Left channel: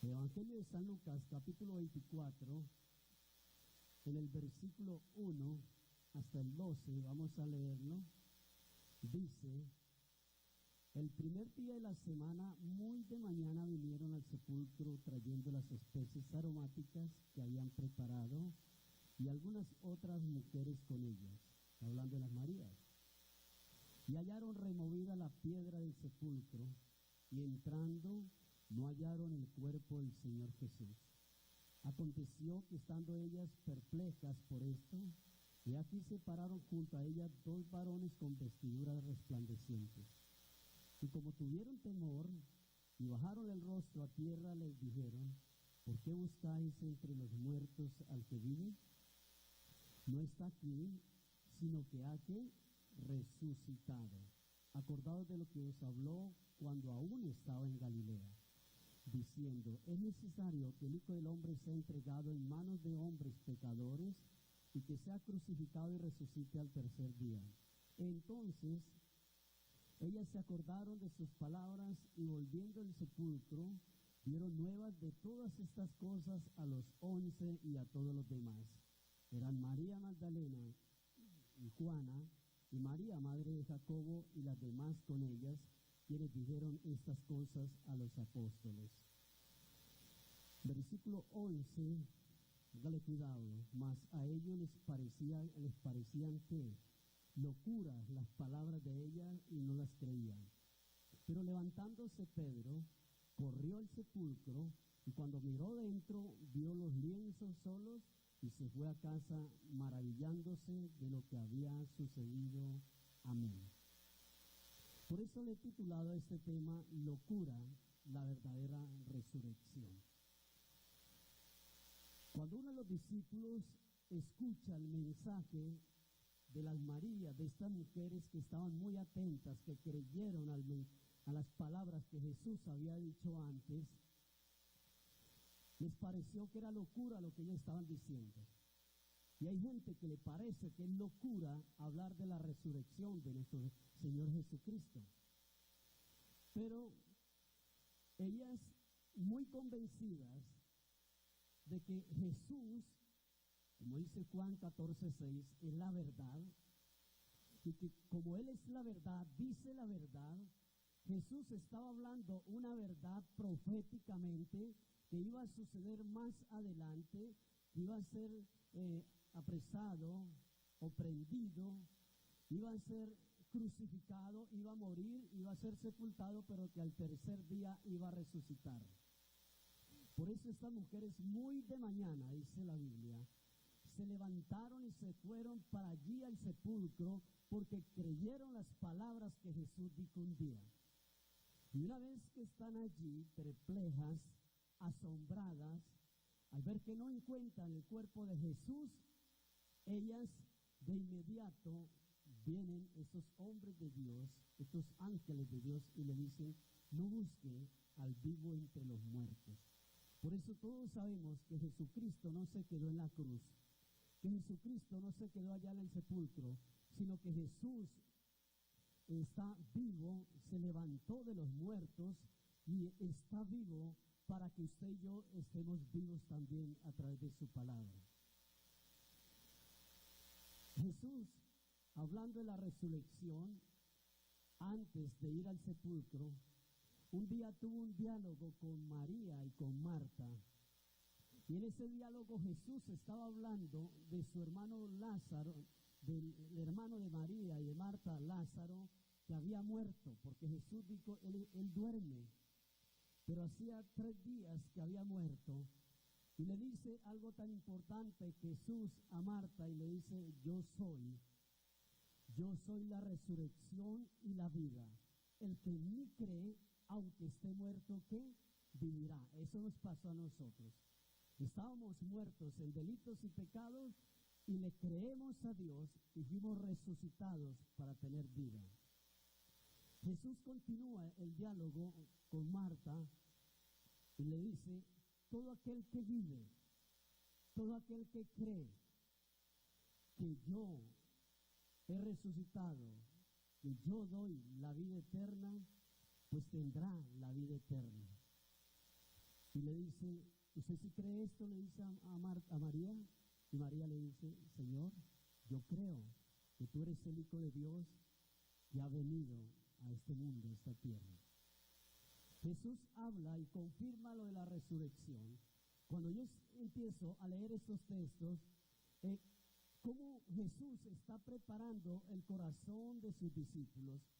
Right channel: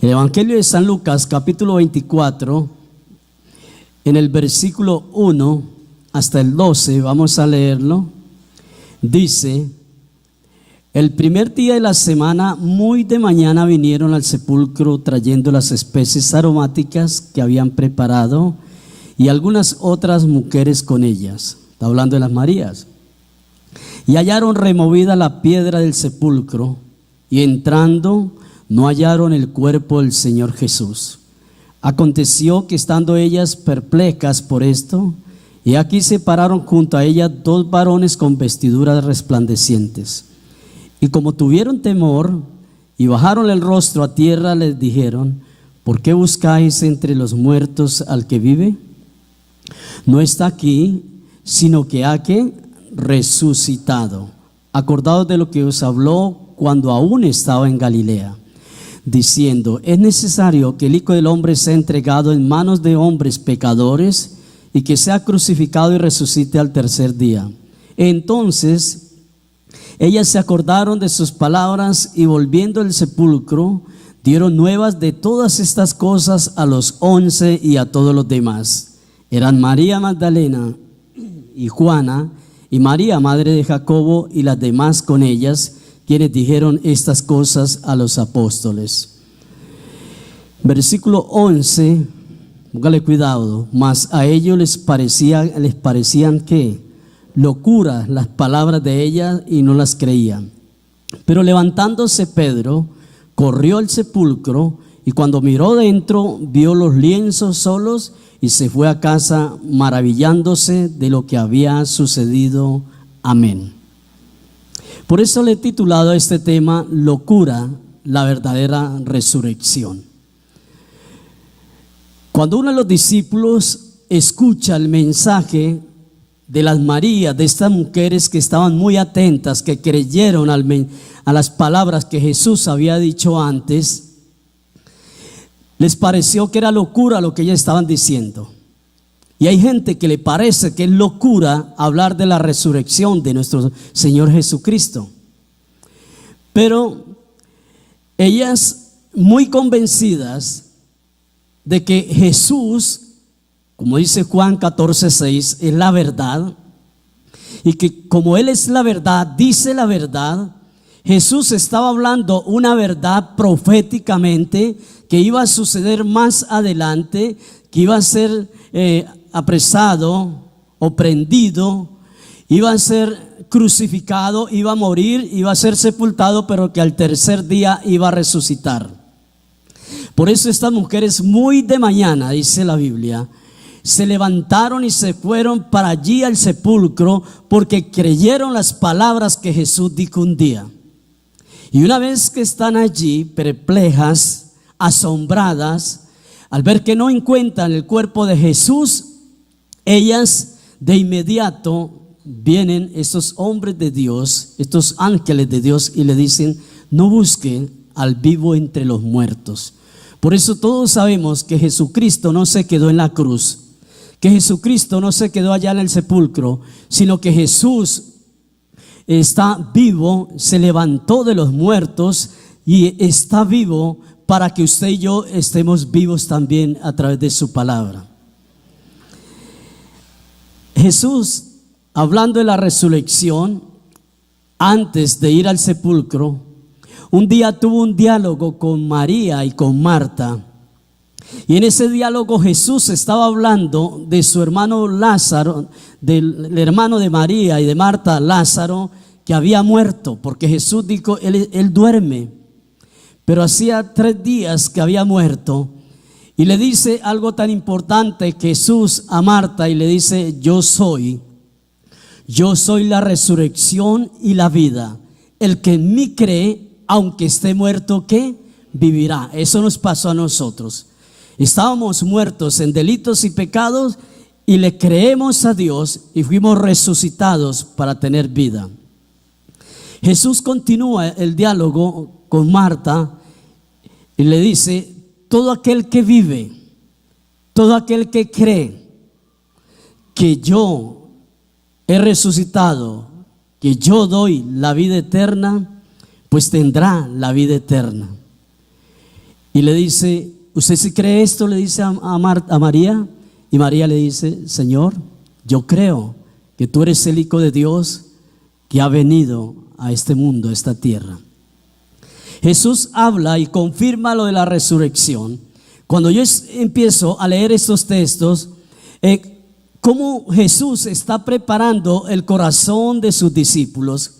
El Evangelio de San Lucas, capítulo 24, en el versículo 1 hasta el 12, vamos a leerlo. Dice: el primer día de la semana, muy de mañana, vinieron al sepulcro trayendo las especies aromáticas que habían preparado y algunas otras mujeres con ellas. Está hablando de las Marías. Y hallaron removida la piedra del sepulcro, y entrando no hallaron el cuerpo del Señor Jesús. Aconteció que estando ellas perplejas por esto, y aquí se pararon junto a ellas dos varones con vestiduras resplandecientes. Y como tuvieron temor y bajaron el rostro a tierra, les dijeron: ¿por qué buscáis entre los muertos al que vive? No está aquí, sino que ha resucitado. Acordaos de lo que os habló cuando aún estaba en Galilea, diciendo: es necesario que el Hijo del Hombre sea entregado en manos de hombres pecadores y que sea crucificado y resucite al tercer día. Entonces ellas se acordaron de sus palabras y, volviendo al sepulcro, dieron nuevas de todas estas cosas a los 11 y a todos los demás. Eran María Magdalena y Juana y María, madre de Jacobo, y las demás con ellas, quienes dijeron estas cosas a los apóstoles. Versículo 11, póngale cuidado. Mas a ellos les parecían que locura las palabras de ella, y no las creían. Pero levantándose Pedro, corrió al sepulcro, y cuando miró dentro, vio los lienzos solos, y se fue a casa maravillándose de lo que había sucedido. Amén. Por eso le he titulado a este tema: locura, la verdadera resurrección. Cuando uno de los discípulos escucha el mensaje de las Marías, de estas mujeres que estaban muy atentas, que creyeron a las palabras que Jesús había dicho antes, les pareció que era locura lo que ellas estaban diciendo. Y hay gente que le parece que es locura hablar de la resurrección de nuestro Señor Jesucristo. Pero ellas, muy convencidas de que Jesús, como dice Juan 14:6, es la verdad, y que como Él es la verdad, dice la verdad, Jesús estaba hablando una verdad proféticamente que iba a suceder más adelante, que iba a ser apresado o prendido, iba a ser crucificado, iba a morir, iba a ser sepultado, pero que al tercer día iba a resucitar. Por eso estas mujeres, muy de mañana, dice la Biblia, se levantaron y se fueron para allí al sepulcro, porque creyeron las palabras que Jesús dijo un día. Y una vez que están allí, perplejas, asombradas, al ver que no encuentran el cuerpo de Jesús, ellas de inmediato vienen estos hombres de Dios, estos ángeles de Dios, y le dicen: no busquen al vivo entre los muertos. Por eso todos sabemos que Jesucristo no se quedó en la cruz, que Jesucristo no se quedó allá en el sepulcro, sino que Jesús está vivo, se levantó de los muertos y está vivo para que usted y yo estemos vivos también a través de su palabra. Jesús, hablando de la resurrección, antes de ir al sepulcro, un día tuvo un diálogo con María y con Marta. Y en ese diálogo Jesús estaba hablando de su hermano Lázaro, del hermano de María y de Marta, Lázaro, que había muerto, porque Jesús dijo: él duerme. Pero hacía 3 días que había muerto. Y le dice algo tan importante Jesús a Marta, y le dice: yo soy la resurrección y la vida. El que en mí cree, aunque esté muerto, ¿qué? Vivirá. Eso nos pasó a nosotros. Estábamos muertos en delitos y pecados, y le creemos a Dios y fuimos resucitados para tener vida. Jesús continúa el diálogo con Marta y le dice: todo aquel que vive, todo aquel que cree que yo he resucitado, que yo doy la vida eterna, pues tendrá la vida eterna. Y le dice: ¿usted sí cree esto? Le dice a María. Y María le dice: Señor, yo creo que tú eres el Hijo de Dios que ha venido a este mundo, a esta tierra. Jesús habla y confirma lo de la resurrección. Cuando yo empiezo a leer estos textos, cómo Jesús está preparando el corazón de sus discípulos,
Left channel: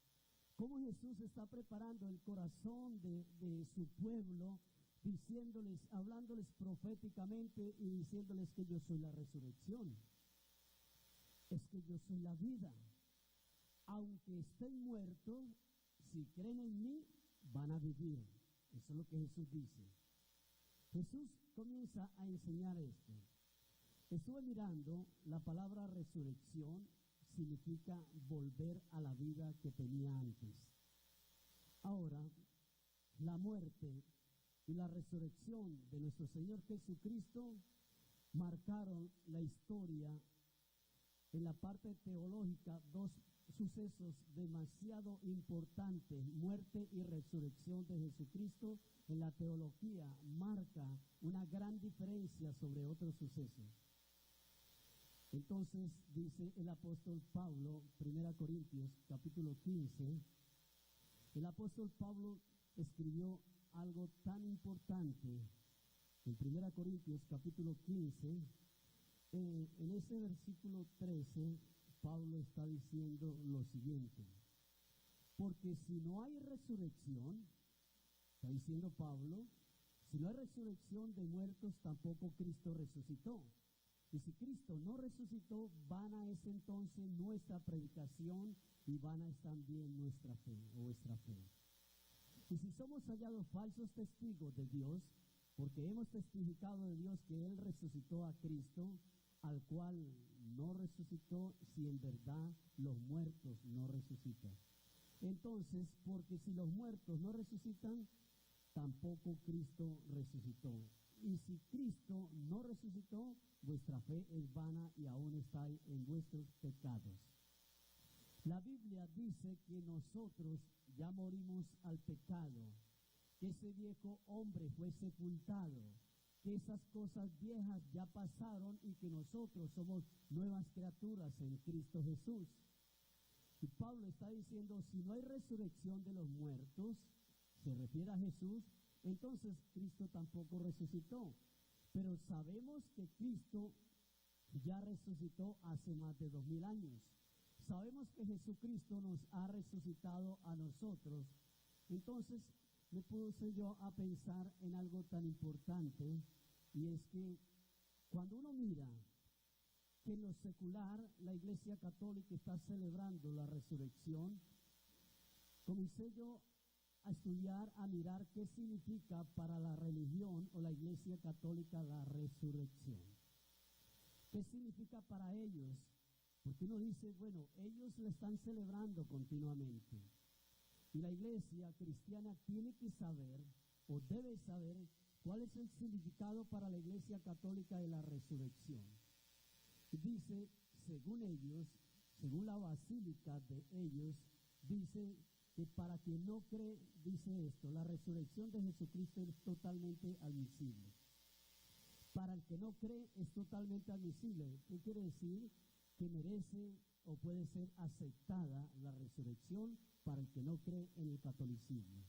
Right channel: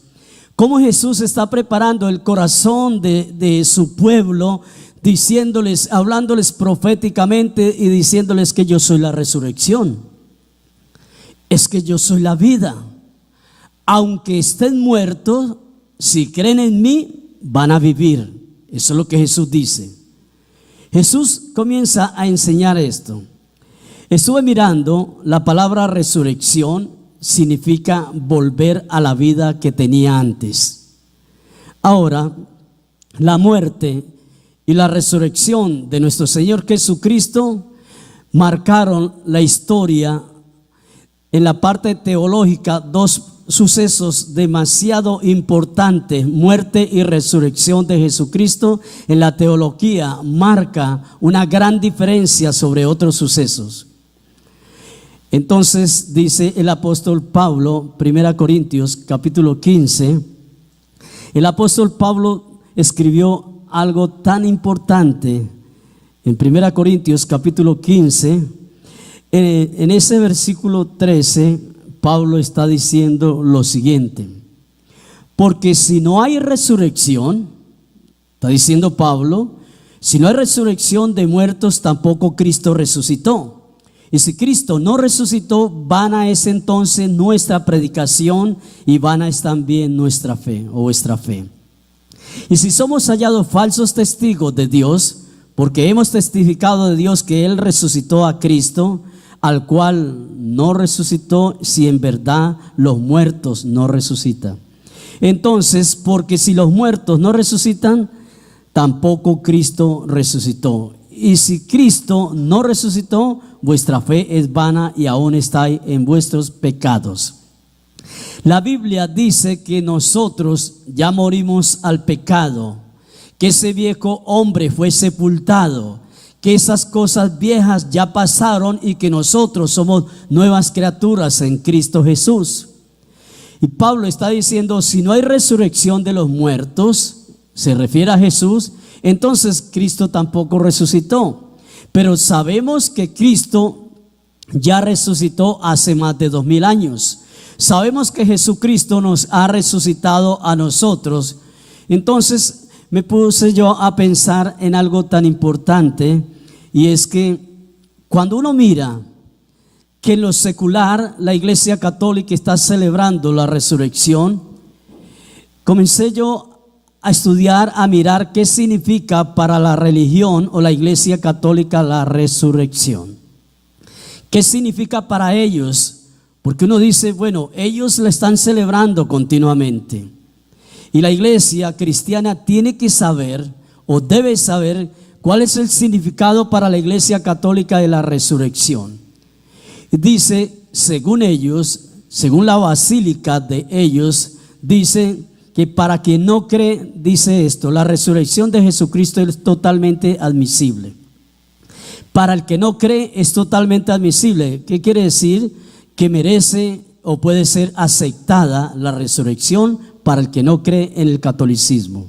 cómo Jesús está preparando el corazón de su pueblo, diciéndoles, hablándoles proféticamente y diciéndoles que yo soy la resurrección, es que yo soy la vida. Aunque estén muertos, si creen en mí, van a vivir. Eso es lo que Jesús dice. Jesús comienza a enseñar esto. Estuve mirando, la palabra resurrección significa volver a la vida que tenía antes. Ahora, la muerte y la resurrección de nuestro Señor Jesucristo marcaron la historia. En la parte teológica, dos sucesos demasiado importantes, muerte y resurrección de Jesucristo, en la teología marca una gran diferencia sobre otros sucesos. Entonces dice el apóstol Pablo, 1 Corintios capítulo 15, el apóstol Pablo escribió algo tan importante en 1 Corintios capítulo 15. En ese versículo 13, Pablo está diciendo lo siguiente: porque si no hay resurrección, está diciendo Pablo, si no hay resurrección de muertos, tampoco Cristo resucitó. Y si Cristo no resucitó, vana es entonces nuestra predicación y vana es también nuestra fe o vuestra fe. Y si somos hallados falsos testigos de Dios, porque hemos testificado de Dios que Él resucitó a Cristo, al cual no resucitó, si en verdad los muertos no resucitan. Entonces, porque si los muertos no resucitan, tampoco Cristo resucitó. Y si Cristo no resucitó, vuestra fe es vana y aún estáis en vuestros pecados. La Biblia dice que nosotros ya morimos al pecado, que ese viejo hombre fue sepultado, que esas cosas viejas ya pasaron y que nosotros somos nuevas criaturas en Cristo Jesús. Y Pablo está diciendo: si no hay resurrección de los muertos, se refiere a Jesús, entonces Cristo tampoco resucitó. Pero sabemos que Cristo ya resucitó hace más de 2000 años. Sabemos que Jesucristo nos ha resucitado a nosotros. Entonces me puse yo a pensar en algo tan importante, y es que cuando uno mira que en lo secular la Iglesia Católica está celebrando la resurrección, comencé yo a estudiar, a mirar qué significa para la religión o la Iglesia Católica la resurrección. ¿Qué significa para ellos? Porque uno dice, bueno, ellos la están celebrando continuamente. Y la iglesia cristiana tiene que saber o debe saber cuál es el significado para la Iglesia Católica de la resurrección. Dice, según ellos, según la basílica de ellos, dice que para quien no cree, dice esto: la resurrección de Jesucristo es totalmente admisible. Para el que no cree es totalmente admisible. ¿Qué quiere decir? Que merece o puede ser aceptada la resurrección para el que no cree en el catolicismo.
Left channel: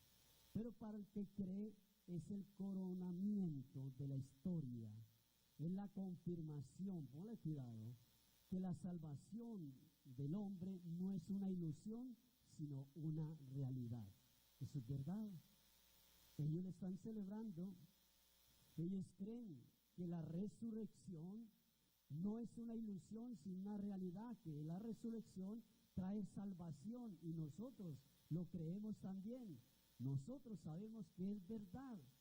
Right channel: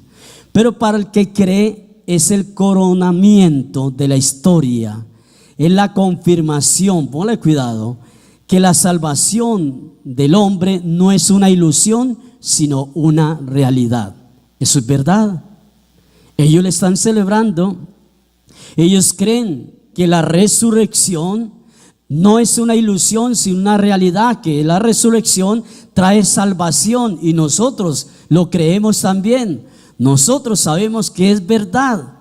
Pero para el que cree es el coronamiento de la historia, es la confirmación, ponle cuidado, que la salvación del hombre no es una ilusión, sino una realidad. Eso es verdad. Ellos le están celebrando. Ellos creen que la resurrección no es una ilusión, sino una realidad, que la resurrección trae salvación, y nosotros lo creemos también. Nosotros sabemos que es verdad.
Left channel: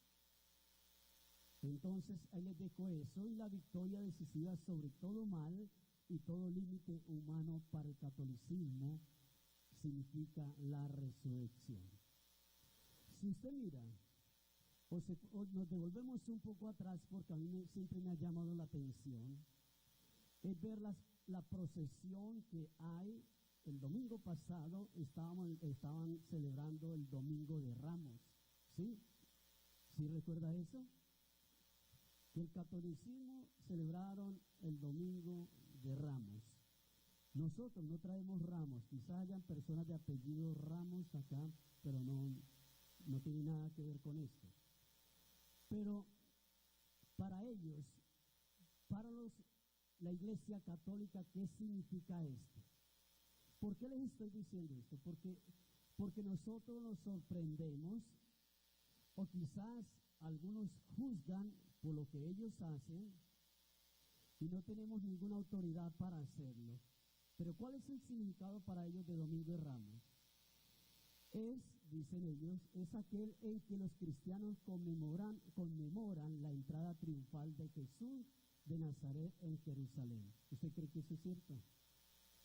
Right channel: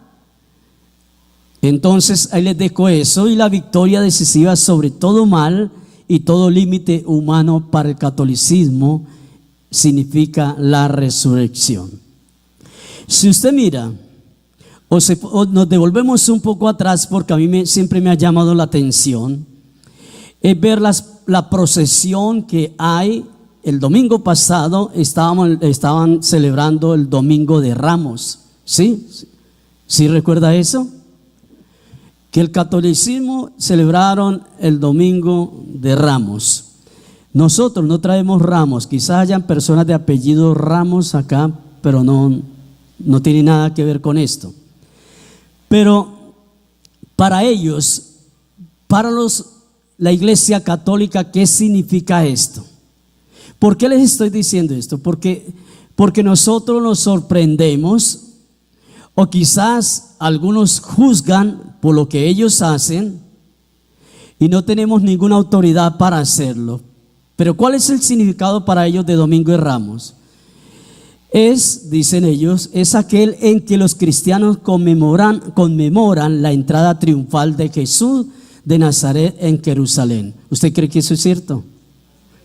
Entonces ahí les dejo eso, y la victoria decisiva sobre todo mal y todo límite humano para el catolicismo significa la resurrección. Si usted mira o nos devolvemos un poco atrás, porque a mí siempre me ha llamado la atención, es ver la procesión que hay. El domingo pasado estaban celebrando el Domingo de Ramos, ¿sí? ¿Sí recuerda eso? Que el catolicismo celebraron el domingo de Ramos. Nosotros no traemos ramos, quizás hayan personas de apellido Ramos acá, pero no tiene nada que ver con esto. Pero para ellos, la Iglesia Católica, ¿qué significa esto? ¿Por qué les estoy diciendo esto? Porque nosotros nos sorprendemos, o quizás algunos juzgan por lo que ellos hacen y no tenemos ninguna autoridad para hacerlo. Pero ¿cuál es el significado para ellos de Domingo de Ramos? Dicen ellos, es aquel en que los cristianos conmemoran la entrada triunfal de Jesús de Nazaret en Jerusalén. ¿Usted cree que eso es cierto?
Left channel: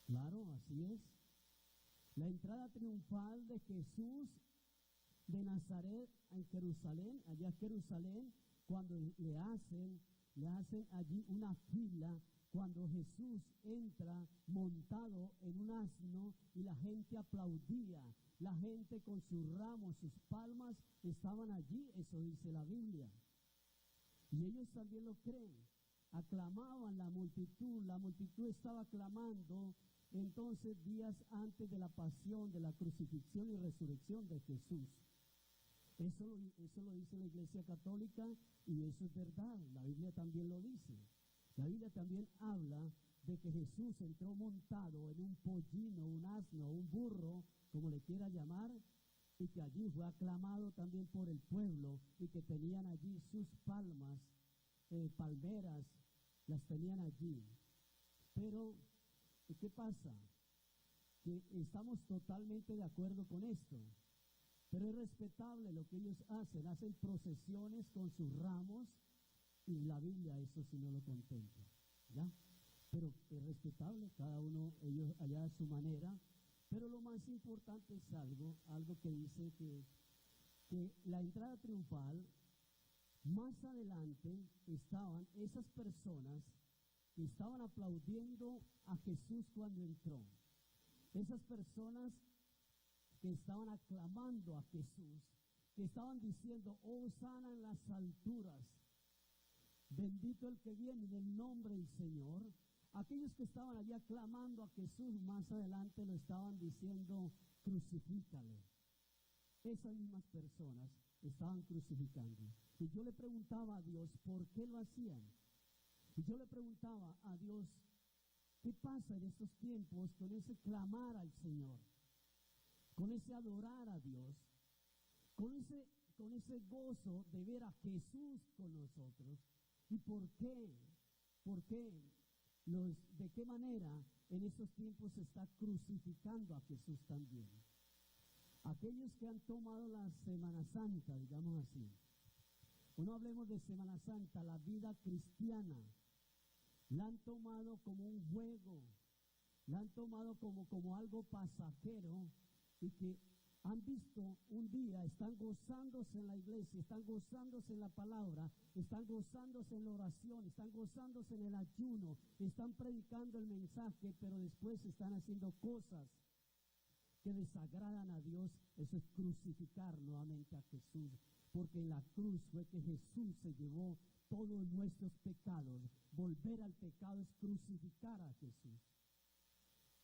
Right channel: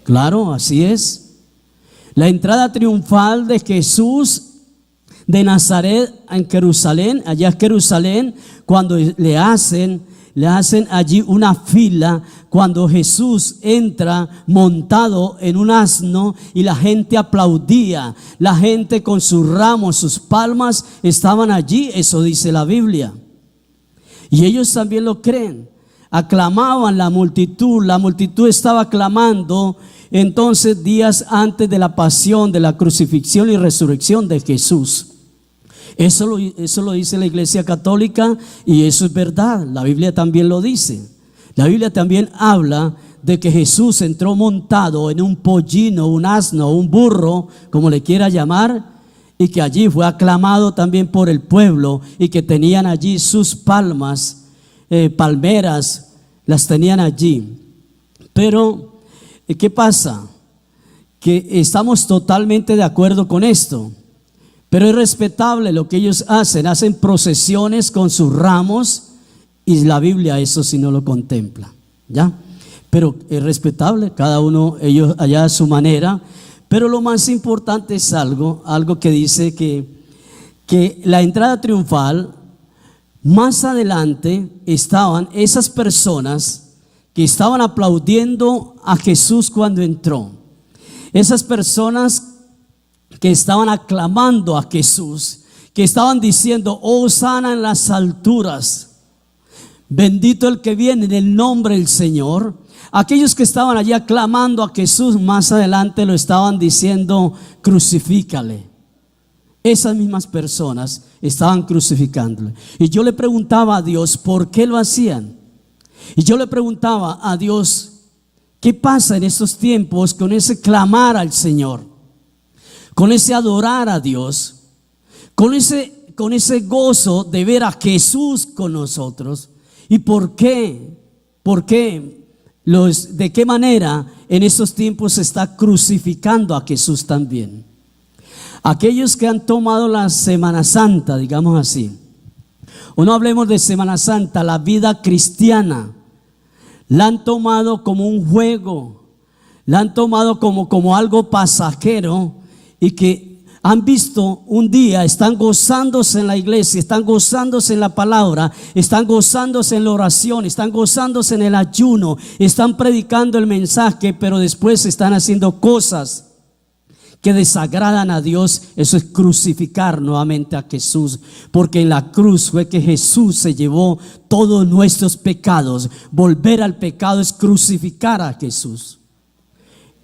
Claro, así es. La entrada triunfal de Jesús de Nazaret en Jerusalén, allá en Jerusalén, cuando le hacen allí una fila, cuando Jesús entra montado en un asno y la gente aplaudía, la gente con sus ramos, sus palmas estaban allí, eso dice la Biblia. Y ellos también lo creen, aclamaban la multitud estaba aclamando. Entonces, días antes de la pasión, de la crucifixión y resurrección de Jesús. Eso lo dice la Iglesia Católica y eso es verdad. La Biblia también lo dice. La Biblia también habla de que Jesús entró montado en un pollino, un asno, un burro, como le quiera llamar, y que allí fue aclamado también por el pueblo y que tenían allí sus palmeras, las tenían allí. Pero ¿qué pasa? Que estamos totalmente de acuerdo con esto, pero es respetable lo que ellos hacen procesiones con sus ramos y la Biblia eso sí no lo contempla, ¿ya? Pero es respetable, cada uno, ellos allá a su manera, pero lo más importante es algo que dice que la entrada triunfal, más adelante estaban esas personas que estaban aplaudiendo a Jesús cuando entró. Esas personas que estaban aclamando a Jesús, que estaban diciendo, Hosana en las alturas, bendito el que viene en el nombre del Señor. Aquellos que estaban allí aclamando a Jesús, más adelante lo estaban diciendo, crucifícale. Esas mismas personas estaban crucificándole. Y yo le preguntaba a Dios, ¿por qué lo hacían? Y yo le preguntaba a Dios, ¿qué pasa en estos tiempos con ese clamar al Señor? Con ese adorar a Dios, con ese gozo de ver a Jesús con nosotros. ¿Y por qué? ¿De qué manera en estos tiempos se está crucificando a Jesús también? Aquellos que han tomado la Semana Santa, digamos así, o no hablemos de Semana Santa, la vida cristiana, la han tomado como un juego, la han tomado como algo pasajero y que han visto un día, están gozándose en la iglesia, están gozándose en la palabra, están gozándose en la oración, están gozándose en el ayuno, están predicando el mensaje, pero después están haciendo cosas que desagradan a Dios. Eso es crucificar nuevamente a Jesús, porque en la cruz fue que Jesús se llevó todos nuestros pecados. Volver al pecado es crucificar a Jesús.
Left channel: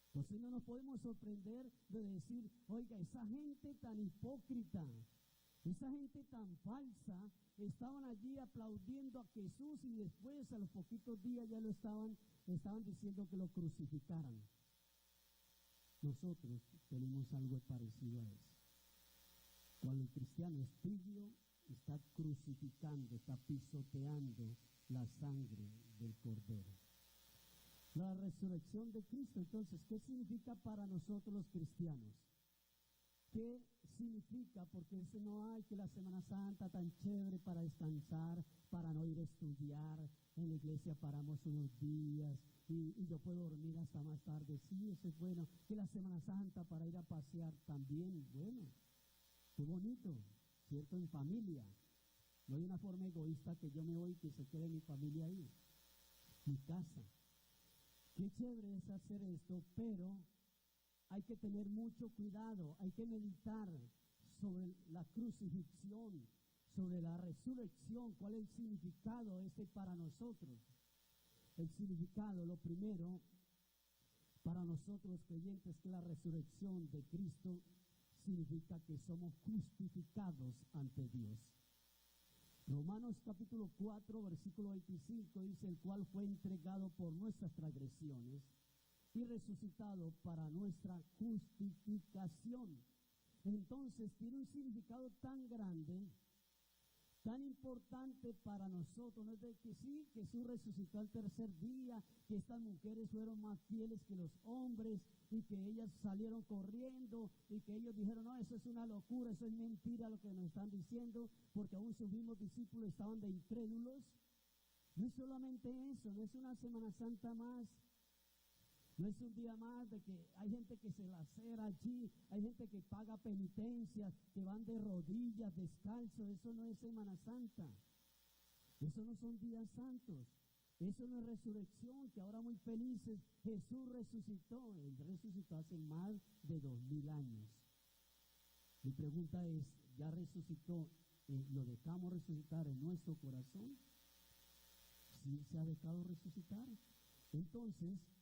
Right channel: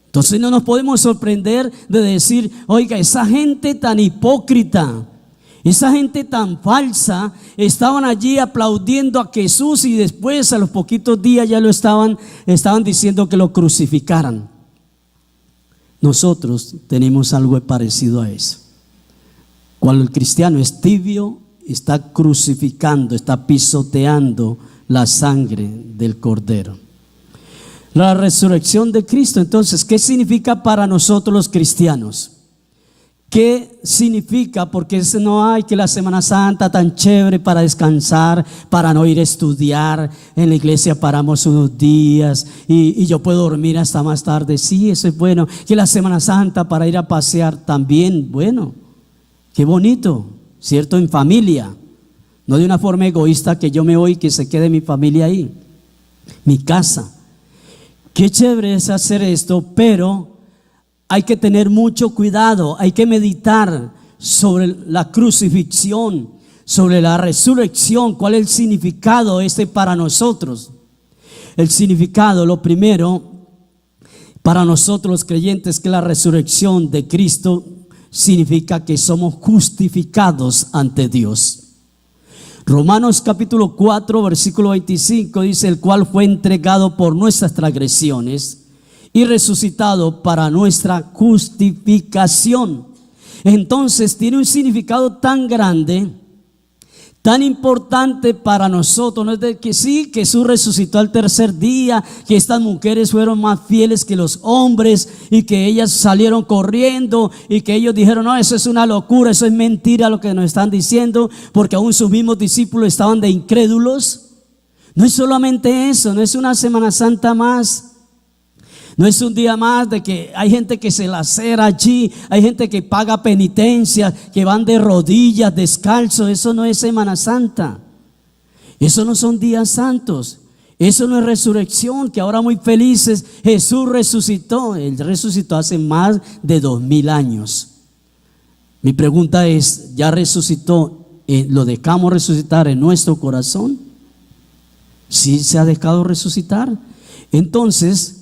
Entonces no nos podemos sorprender de decir, oiga, esa gente tan hipócrita, esa gente tan falsa, estaban allí aplaudiendo a Jesús y después a los poquitos días ya lo estaban diciendo que lo crucificaran. Nosotros tenemos algo parecido a eso. Cuando el cristiano es tibio, está crucificando, está pisoteando la sangre del Cordero. La resurrección de Cristo, entonces, ¿qué significa para nosotros los cristianos? ¿Qué significa? Porque no hay que la Semana Santa tan chévere para descansar, para no ir a estudiar. En la iglesia paramos unos días y yo puedo dormir hasta más tarde. Sí, eso es bueno. Que la Semana Santa para ir a pasear también, bueno, qué bonito, ¿cierto? En familia, no de una forma egoísta que yo me voy y que se quede mi familia ahí, mi casa. Qué chévere es hacer esto, pero hay que tener mucho cuidado, hay que meditar sobre la crucifixión, sobre la resurrección. ¿Cuál es el significado para nosotros? El significado, lo primero, para nosotros los creyentes, que la resurrección de Cristo significa que somos justificados ante Dios. Romanos capítulo 4 versículo 25 dice: el cual fue entregado por nuestras transgresiones y resucitado para nuestra justificación. Entonces tiene un significado tan grande, tan importante para nosotros. No es de que sí, Jesús resucitó al tercer día, que estas mujeres fueron más fieles que los hombres y que ellas salieron corriendo y que ellos dijeron: no, eso es una locura, eso es mentira lo que nos están diciendo, porque aún sus mismos discípulos estaban de incrédulos. No es solamente eso, no es una Semana Santa más. No es un día más de que hay gente que se lacera allí, hay gente que paga penitencia, que van de rodillas, descalzos. Eso no es Semana Santa. Eso no son días santos. Eso no es resurrección, que ahora muy felices Jesús resucitó. Él resucitó hace más de 2000 años. Mi pregunta es: ¿ya resucitó? ¿Lo dejamos resucitar en nuestro corazón? ¿Sí se ha dejado resucitar? Entonces,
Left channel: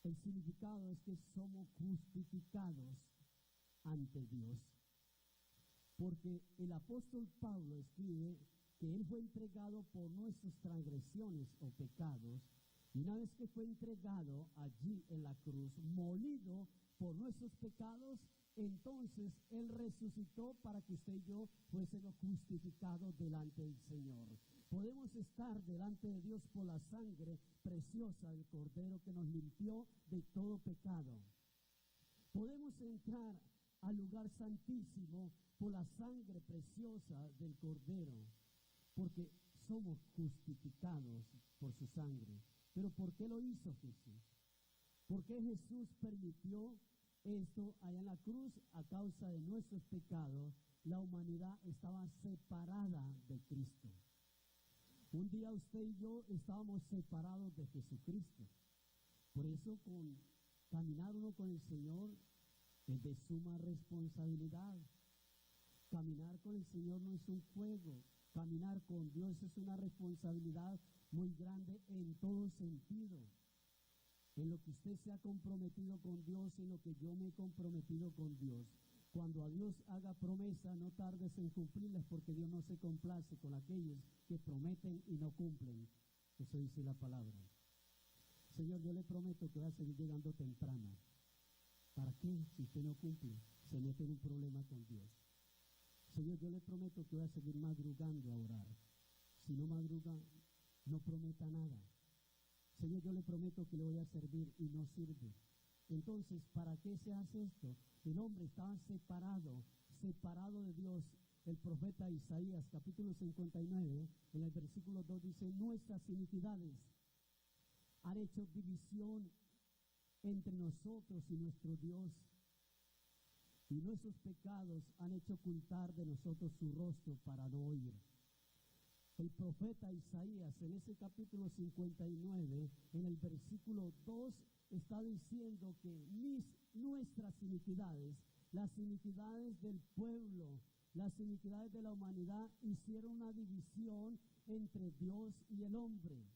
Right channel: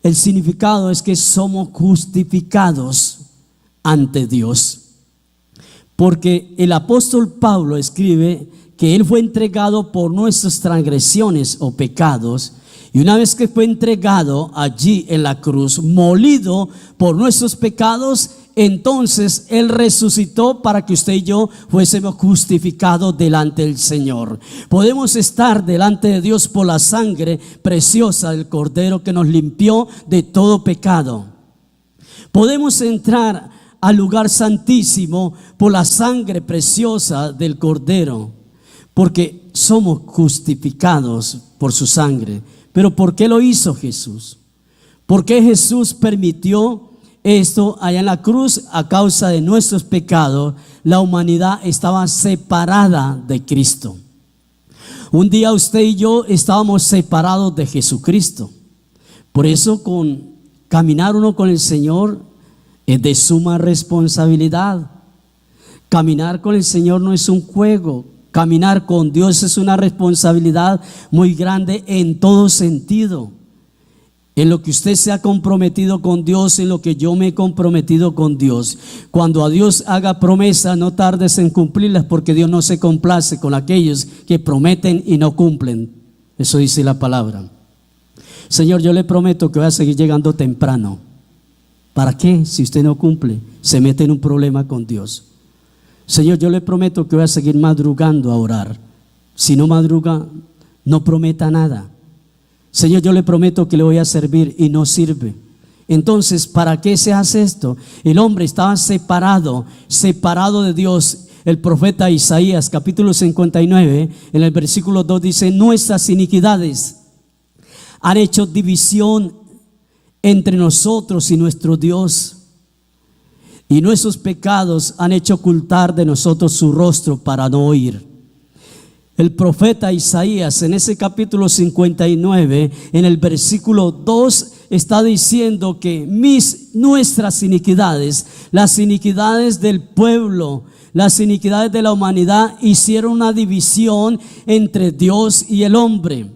el significado es que somos justificados ante Dios. Porque el apóstol Pablo escribe que él fue entregado por nuestras transgresiones o pecados. Y una vez que fue entregado allí en la cruz, molido por nuestros pecados, entonces Él resucitó para que usted y yo fuésemos justificados delante del Señor. Podemos estar delante de Dios por la sangre preciosa del Cordero que nos limpió de todo pecado. Podemos entrar al lugar santísimo por la sangre preciosa del Cordero, porque somos justificados por su sangre. Pero ¿por qué lo hizo Jesús? ¿Por qué Jesús permitió esto allá en la cruz? A causa de nuestros pecados, la humanidad estaba separada de Cristo. Un día usted y yo estábamos separados de Jesucristo. Por eso caminar uno con el Señor es de suma responsabilidad. Caminar con el Señor no es un juego. Caminar con Dios es una responsabilidad muy grande en todo sentido. En lo que usted se ha comprometido con Dios, en lo que yo me he comprometido con Dios. Cuando a Dios haga promesas, no tardes en cumplirlas, porque Dios no se complace con aquellos que prometen y no cumplen. Eso dice la palabra. Señor, yo le prometo que voy a seguir llegando temprano. ¿Para qué? Si usted no cumple, se mete en un problema con Dios. Señor, yo le prometo que voy a seguir madrugando a orar. Si no madruga, no prometa nada. Señor, yo le prometo que le voy a servir, y no sirve. Entonces, ¿para qué se hace esto? El hombre estaba separado de Dios. El profeta Isaías capítulo 59 en el versículo 2 dice: nuestras iniquidades han hecho división entre nosotros y nuestro Dios, y nuestros pecados han hecho ocultar de nosotros su rostro para no oír. El profeta Isaías en ese capítulo 59 en el versículo 2 está diciendo que nuestras iniquidades, las iniquidades del pueblo, las iniquidades de la humanidad, hicieron una división entre Dios y el hombre.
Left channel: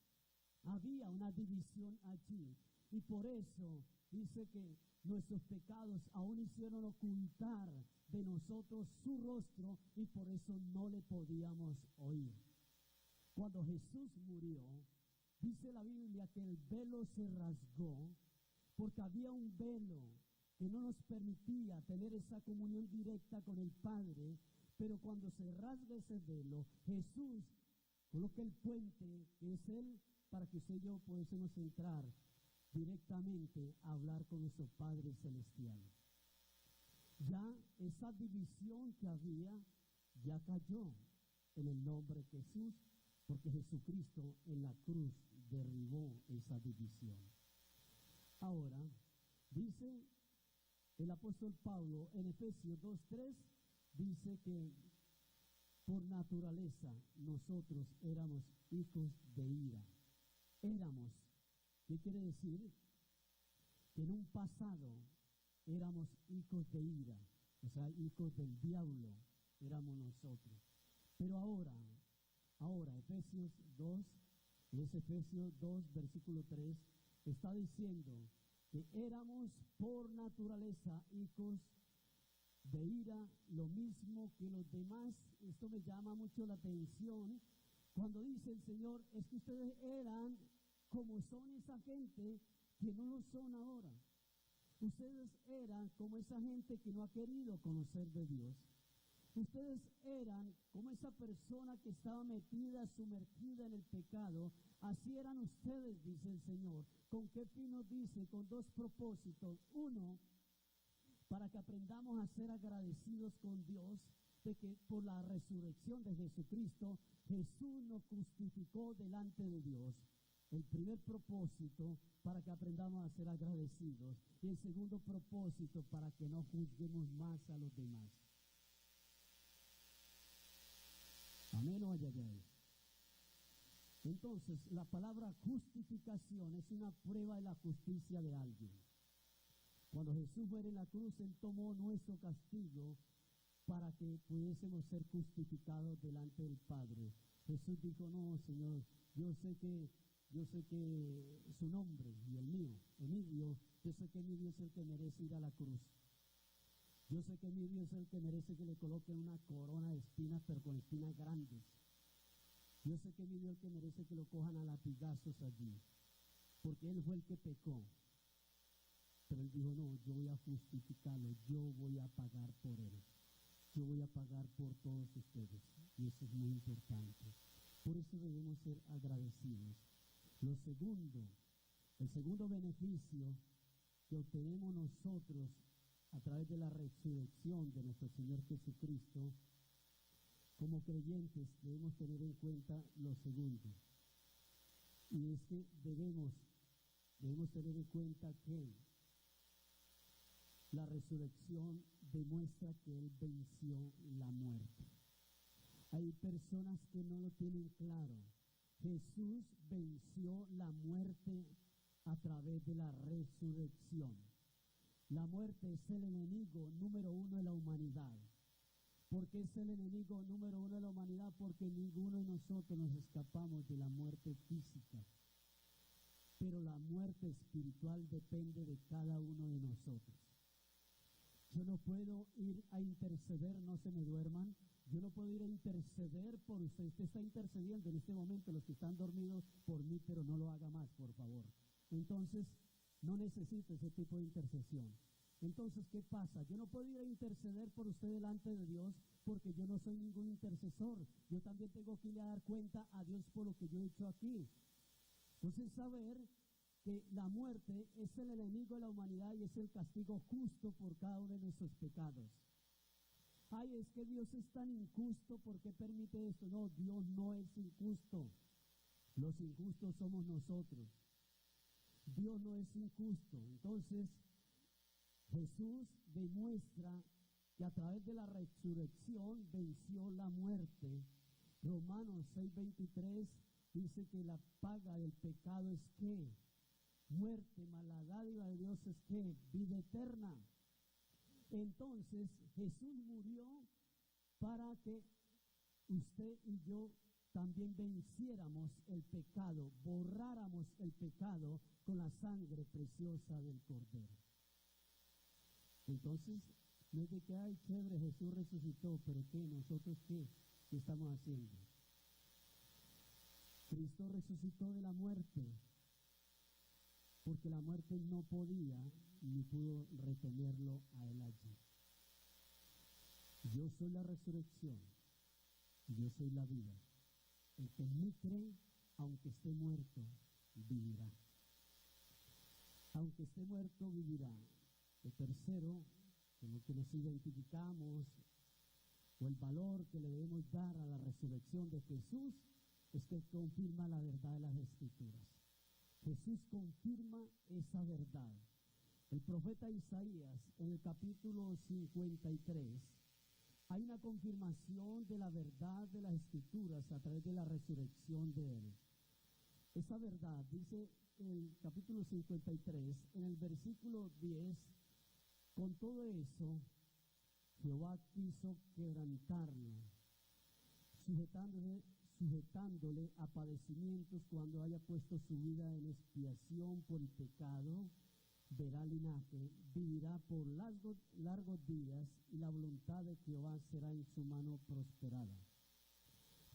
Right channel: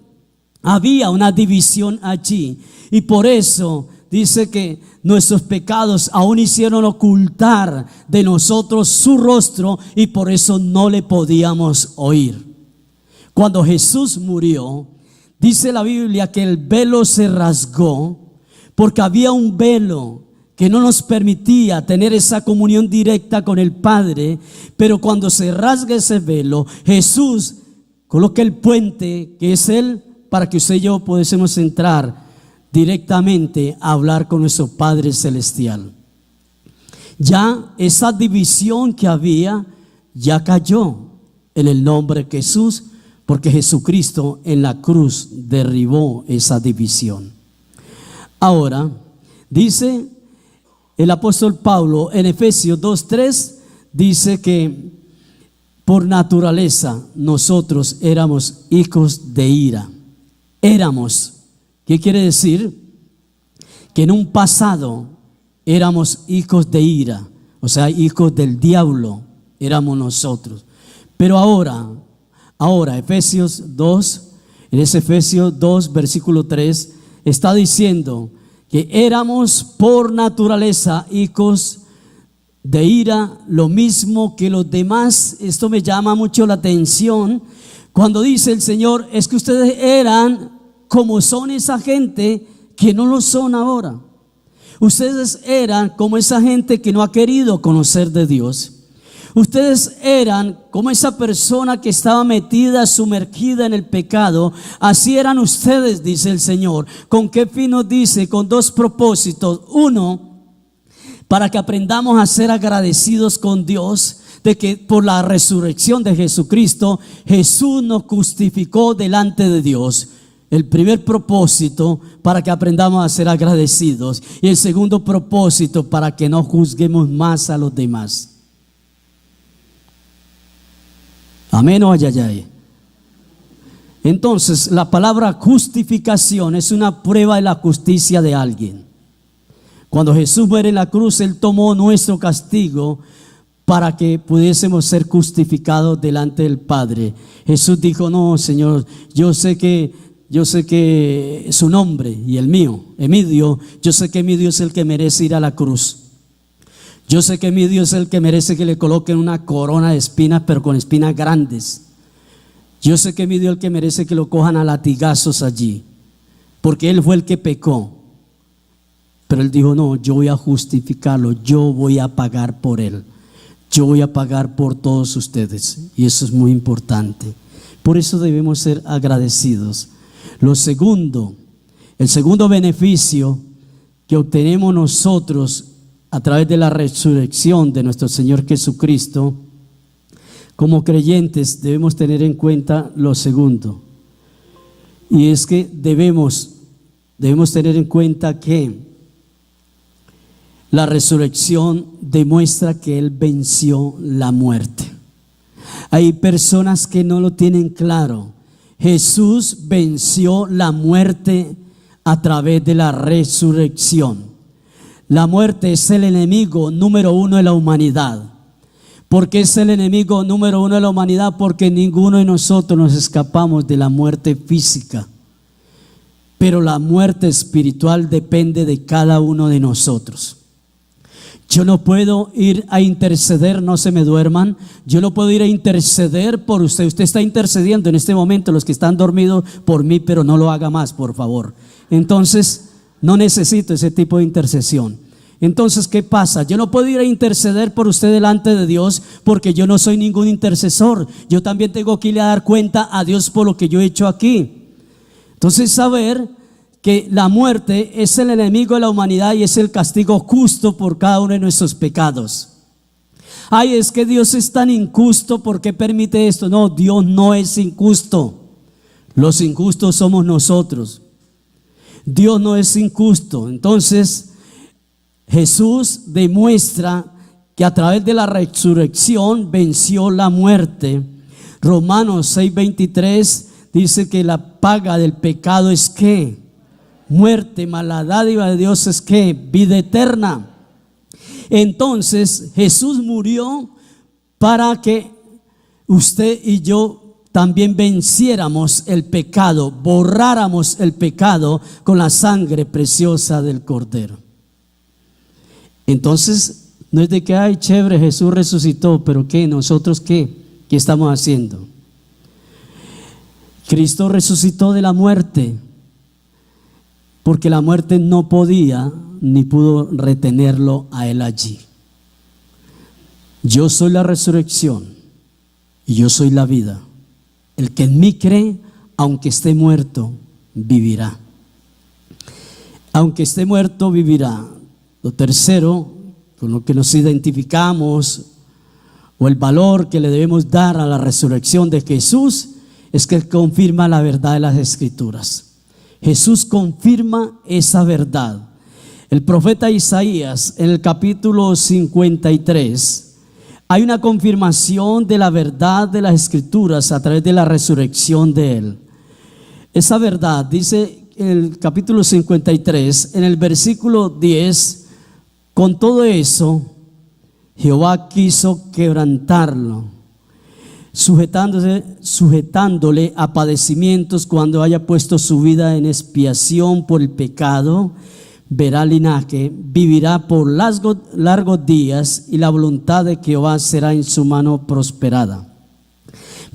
Había una división allí, y por eso dice que nuestros pecados aún hicieron ocultar de nosotros su rostro, y por eso no le podíamos oír. Cuando Jesús murió, dice la Biblia que el velo se rasgó, porque había un velo que no nos permitía tener esa comunión directa con el Padre. Pero cuando se rasga ese velo, Jesús coloca el puente, que es Él, para que usted y yo pudiésemos entrar directamente a hablar con nuestro Padre Celestial. Ya esa división que había ya cayó en el nombre de Jesús, porque Jesucristo en la cruz derribó esa división. Ahora, dice el apóstol Pablo en Efesios 2:3, dice que por naturaleza nosotros éramos hijos de ira. Éramos, ¿qué quiere decir? Que en un pasado éramos hijos de ira, o sea, hijos del diablo éramos nosotros. Pero ahora, Efesios 2, en ese Efesios 2, versículo 3, está diciendo que éramos por naturaleza hijos de ira, lo mismo que los demás. Esto me llama mucho la atención cuando dice el Señor, es que ustedes eran como son esa gente que no lo son ahora. Ustedes eran como esa gente que no ha querido conocer de Dios. Ustedes eran como esa persona que estaba metida, sumergida en el pecado. Así eran ustedes, dice el Señor. ¿Con qué fin nos dice? Con dos propósitos. Uno, para que aprendamos a ser agradecidos con Dios, de que por la resurrección de Jesucristo, Jesús nos justificó delante de Dios. El primer propósito, para que aprendamos a ser agradecidos. Y el segundo propósito, para que no juzguemos más a los demás. Amén o ayayay. Entonces, la palabra justificación es una prueba de la justicia de alguien. Cuando Jesús muere en la cruz, Él tomó nuestro castigo para que pudiésemos ser justificados delante del Padre. Jesús dijo, no, Señor, yo sé que su nombre y el mío, Emidio, yo sé que Emidio es el que merece ir a la cruz. Yo sé que Emidio es el que merece que le coloquen una corona de espinas, pero con espinas grandes. Yo sé que Emidio es el que merece que lo cojan a latigazos allí, porque él fue el que pecó. Pero él dijo, no, yo voy a justificarlo, yo voy a pagar por él. Yo voy a pagar por todos ustedes. Y eso es muy importante. Por eso debemos ser agradecidos. El segundo beneficio que obtenemos nosotros a través de la resurrección de nuestro Señor Jesucristo, como creyentes debemos tener en cuenta lo segundo. Y es que debemos tener en cuenta que la resurrección demuestra que Él venció la muerte. Hay personas que no lo tienen claro. Jesús venció la muerte a través de la resurrección. La muerte es el enemigo número uno de la humanidad. ¿Por qué es el enemigo número uno de la humanidad? Porque ninguno de nosotros nos escapamos de la muerte física. Pero la muerte espiritual depende de cada uno de nosotros. Yo no puedo ir a interceder, no se me duerman. Yo no puedo ir a interceder por usted. Usted está intercediendo en este momento, los que están dormidos, por mí, pero no lo haga más, por favor. Entonces, no necesito ese tipo de intercesión. Entonces, ¿qué pasa? Yo no puedo ir a interceder por usted delante de Dios porque yo no soy ningún intercesor. Yo también tengo que ir a dar cuenta a Dios por lo que yo he hecho aquí. Entonces, saber que la muerte es el enemigo de la humanidad y es el castigo justo por cada uno de nuestros pecados. Ay, es que Dios es tan injusto, ¿por qué permite esto? No, Dios no es injusto. Los injustos somos nosotros. Dios no es injusto. Entonces, Jesús demuestra que a través de la resurrección venció la muerte. Romanos 6:23 dice que la paga del pecado es ¿qué? Muerte, mas la dádiva de Dios es ¿qué? Vida eterna. Entonces Jesús murió para que usted y yo también venciéramos el pecado, borráramos el pecado con la sangre preciosa del Cordero. Entonces no es de que ay chévere, Jesús resucitó, pero ¿qué? ¿Nosotros qué estamos haciendo? Cristo resucitó de la muerte, porque la muerte no podía ni pudo retenerlo a Él allí. Yo soy la resurrección y yo soy la vida. El que en mí cree, aunque esté muerto, vivirá. Aunque esté muerto, vivirá. Lo tercero, con lo que nos identificamos, o el valor que le debemos dar a la resurrección de Jesús, es que confirma la verdad de las Escrituras. Jesús confirma esa verdad. El profeta Isaías, en el capítulo 53, hay una confirmación de la verdad de las Escrituras a través de la resurrección de Él. Esa verdad dice en el capítulo 53, en el versículo 10, con todo eso, Jehová quiso quebrantarlo. sujetándole a padecimientos cuando haya puesto su vida en expiación por el pecado, verá linaje, vivirá por largos días y la voluntad de Jehová será en su mano prosperada.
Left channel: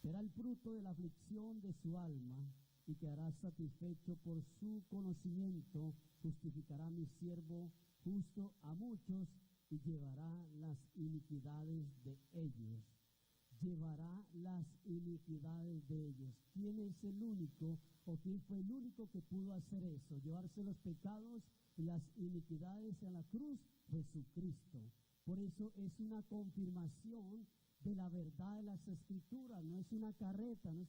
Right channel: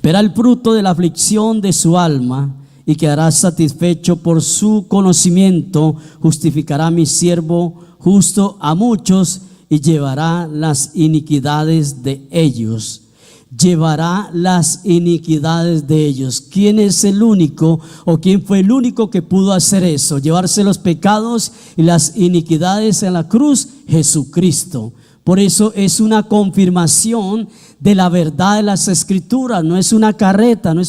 Verá el fruto de la aflicción de su alma y quedará satisfecho por su conocimiento. Justificará a mi siervo justo a muchos y llevará las iniquidades de ellos. Llevará las iniquidades de ellos. ¿Quién es el único o quién fue el único que pudo hacer eso? Llevarse los pecados y las iniquidades en la cruz, Jesucristo. Por eso es una confirmación de la verdad de las Escrituras. No es una carreta, no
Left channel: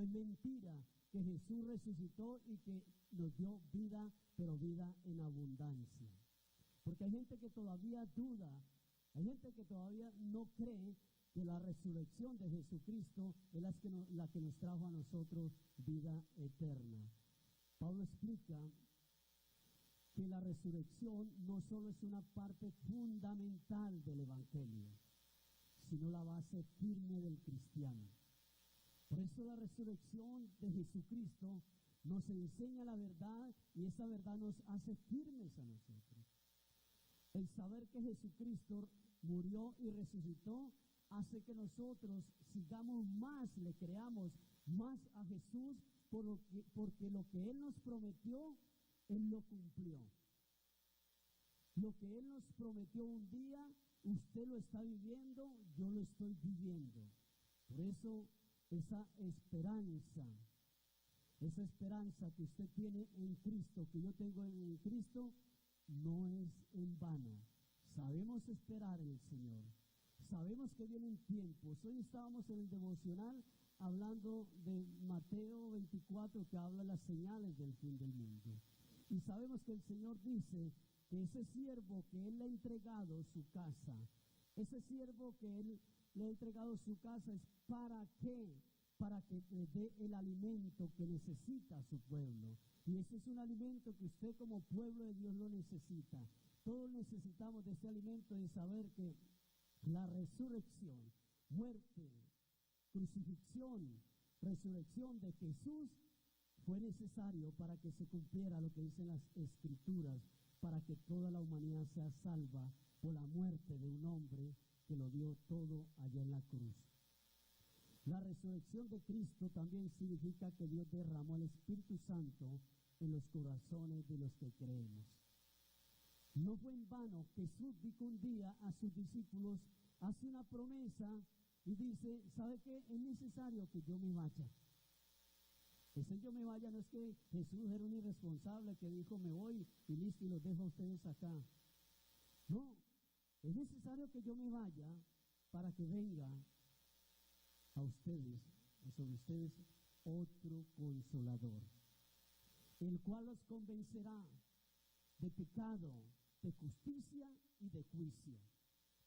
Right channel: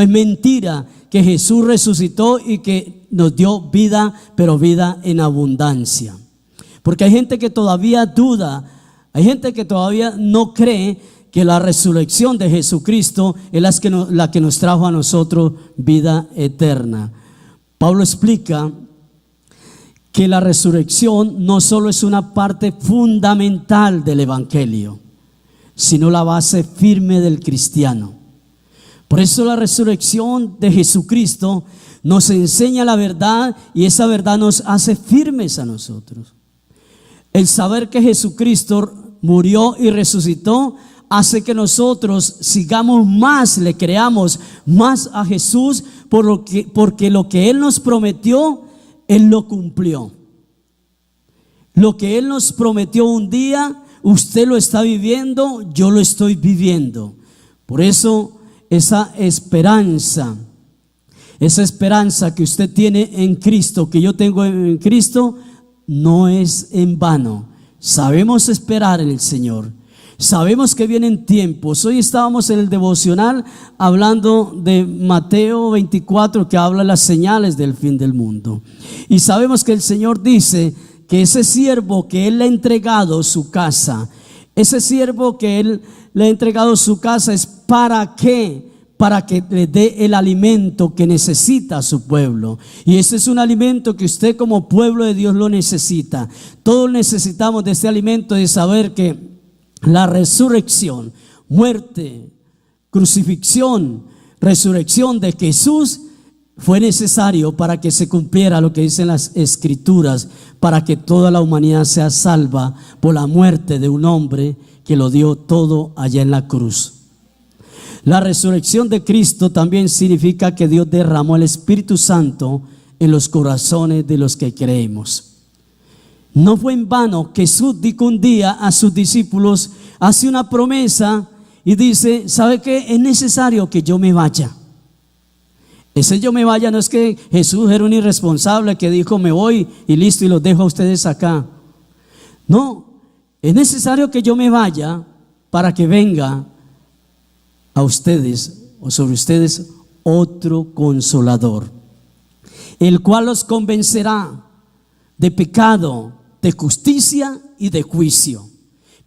es mentira que Jesús resucitó y que nos dio vida, pero vida en abundancia. Porque hay gente que todavía duda, hay gente que todavía no cree que la resurrección de Jesucristo es la que nos trajo a nosotros vida eterna. Pablo explica que la resurrección no solo es una parte fundamental del evangelio, sino la base firme del cristiano. Por eso la resurrección de Jesucristo nos enseña la verdad y esa verdad nos hace firmes a nosotros. El saber que Jesucristo murió y resucitó hace que nosotros sigamos más, le creamos más a Jesús porque lo que Él nos prometió, Él lo cumplió. Lo que Él nos prometió un día, usted lo está viviendo, yo lo estoy viviendo. Por eso esa esperanza que usted tiene en Cristo, que yo tengo en Cristo, no es en vano. Sabemos esperar en el Señor. Sabemos que vienen tiempos. Hoy estábamos en el devocional hablando de Mateo 24, que habla de las señales del fin del mundo. Y sabemos que el Señor dice que ese siervo que Él le ha entregado su casa, ese siervo que Él le ha entregado su casa es ¿para qué? Para que le dé el alimento que necesita a su pueblo. Y ese es un alimento que usted como pueblo de Dios lo necesita. Todos necesitamos de este alimento, de saber que la resurrección, muerte, crucifixión, resurrección de Jesús fue necesario para que se cumpliera lo que dicen las Escrituras, para que toda la humanidad sea salva por la muerte de un hombre que lo dio todo allá en la cruz. La resurrección de Cristo también significa que Dios derramó el Espíritu Santo en los corazones de los que creemos. No fue en vano que Jesús dijo un día a sus discípulos, hace una promesa y dice, ¿sabe qué? Es necesario que yo me vaya. Ese yo me vaya no es que Jesús era un irresponsable que dijo me voy y listo y los dejo a ustedes acá. No, es necesario que yo me vaya para que venga a ustedes o sobre ustedes otro consolador, el cual los convencerá de pecado, de justicia y de juicio.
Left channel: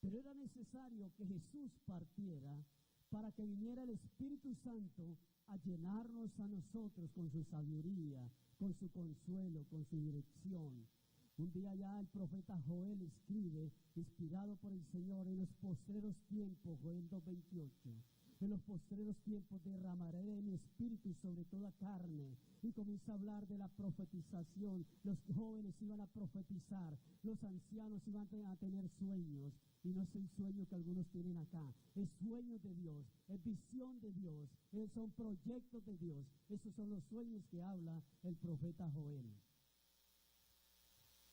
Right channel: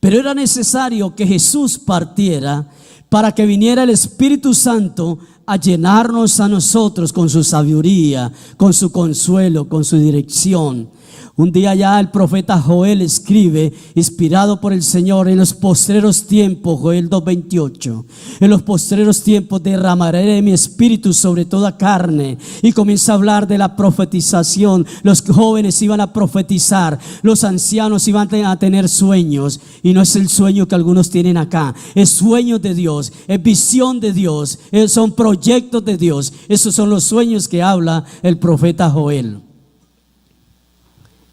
Pero era necesario que Jesús partiera para que viniera el Espíritu Santo a llenarnos a nosotros con su sabiduría, con su consuelo, con su dirección. Un día ya el profeta Joel escribe, inspirado por el Señor, en los postreros tiempos, Joel 2:28, en los postreros tiempos derramaré mi espíritu sobre toda carne. Y comienza a hablar de la profetización. Los jóvenes iban a profetizar, los ancianos iban a tener sueños. Y no es el sueño que algunos tienen acá, es sueño de Dios, es visión de Dios, son proyectos de Dios. Esos son los sueños que habla el profeta Joel.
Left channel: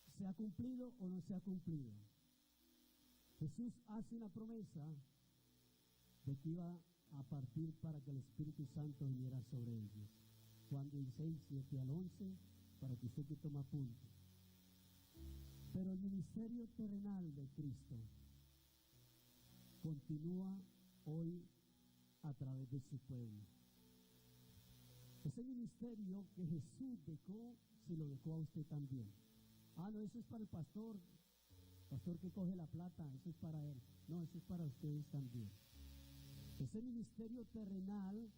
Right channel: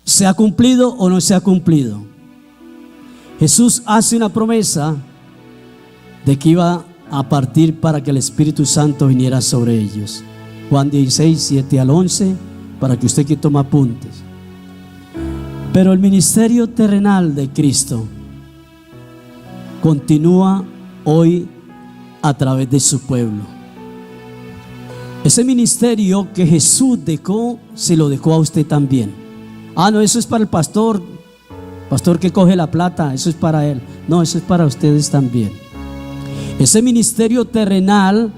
¿Se ha cumplido o no se ha cumplido? Jesús hace una promesa de que iba a partir para que el Espíritu Santo viniera sobre ellos. Juan 16, 7 al 11, para que usted que toma apuntes. Pero el ministerio terrenal de Cristo continúa hoy a través de su pueblo. Ese ministerio que Jesús dejó, se lo dejó a usted también. No, eso es para el pastor que coge la plata, eso es para él. No, eso es para ustedes también. Ese ministerio terrenal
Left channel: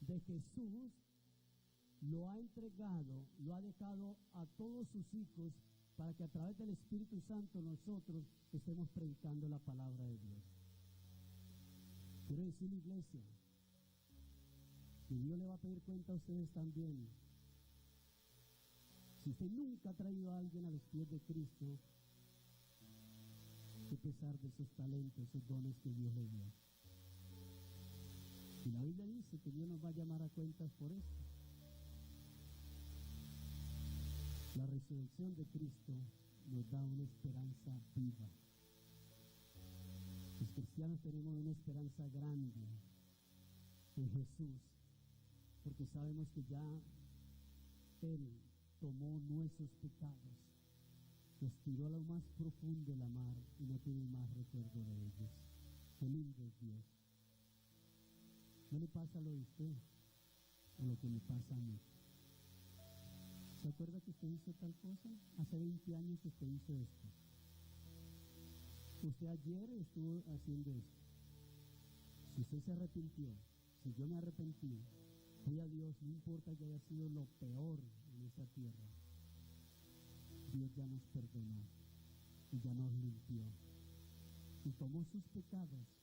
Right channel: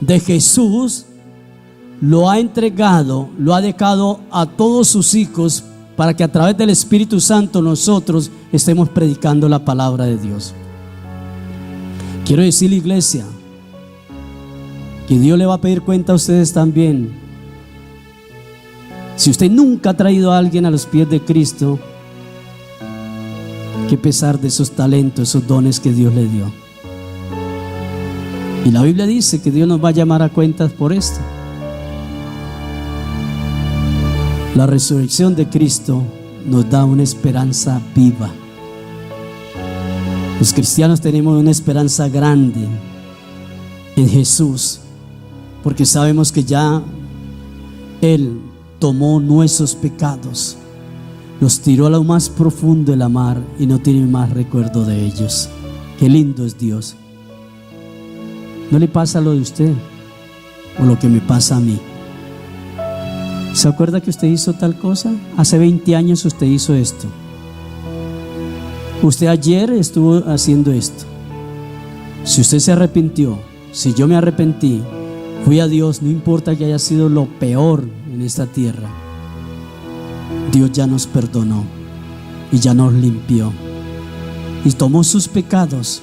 de Jesús lo ha entregado, lo ha dejado a todos sus hijos para que a través del Espíritu Santo nosotros estemos predicando la palabra de Dios. Quiero decirle, iglesia, que Dios le va a pedir cuenta a ustedes también. Si usted nunca ha traído a alguien a los pies de Cristo, que pesar de esos talentos, esos dones que Dios le dio. Y la Biblia dice que Dios nos va a llamar a cuentas por esto. La resurrección de Cristo nos da una esperanza viva. Los cristianos tenemos una esperanza grande en Jesús, porque sabemos que ya Él tomó nuestros pecados, los tiró a lo más profundo de la mar y no tiene más recuerdo de ellos. Qué lindo es Dios. ¿No le pasa lo de usted o lo que me pasa a mí? ¿Se acuerda que usted hizo tal cosa? Hace 20 años usted hizo esto. Usted ayer estuvo haciendo esto. Si usted se arrepintió, si yo me arrepentí, fui a Dios, no importa que haya sido lo peor en esta tierra, Dios ya nos perdonó y ya nos limpió y tomó sus pecados,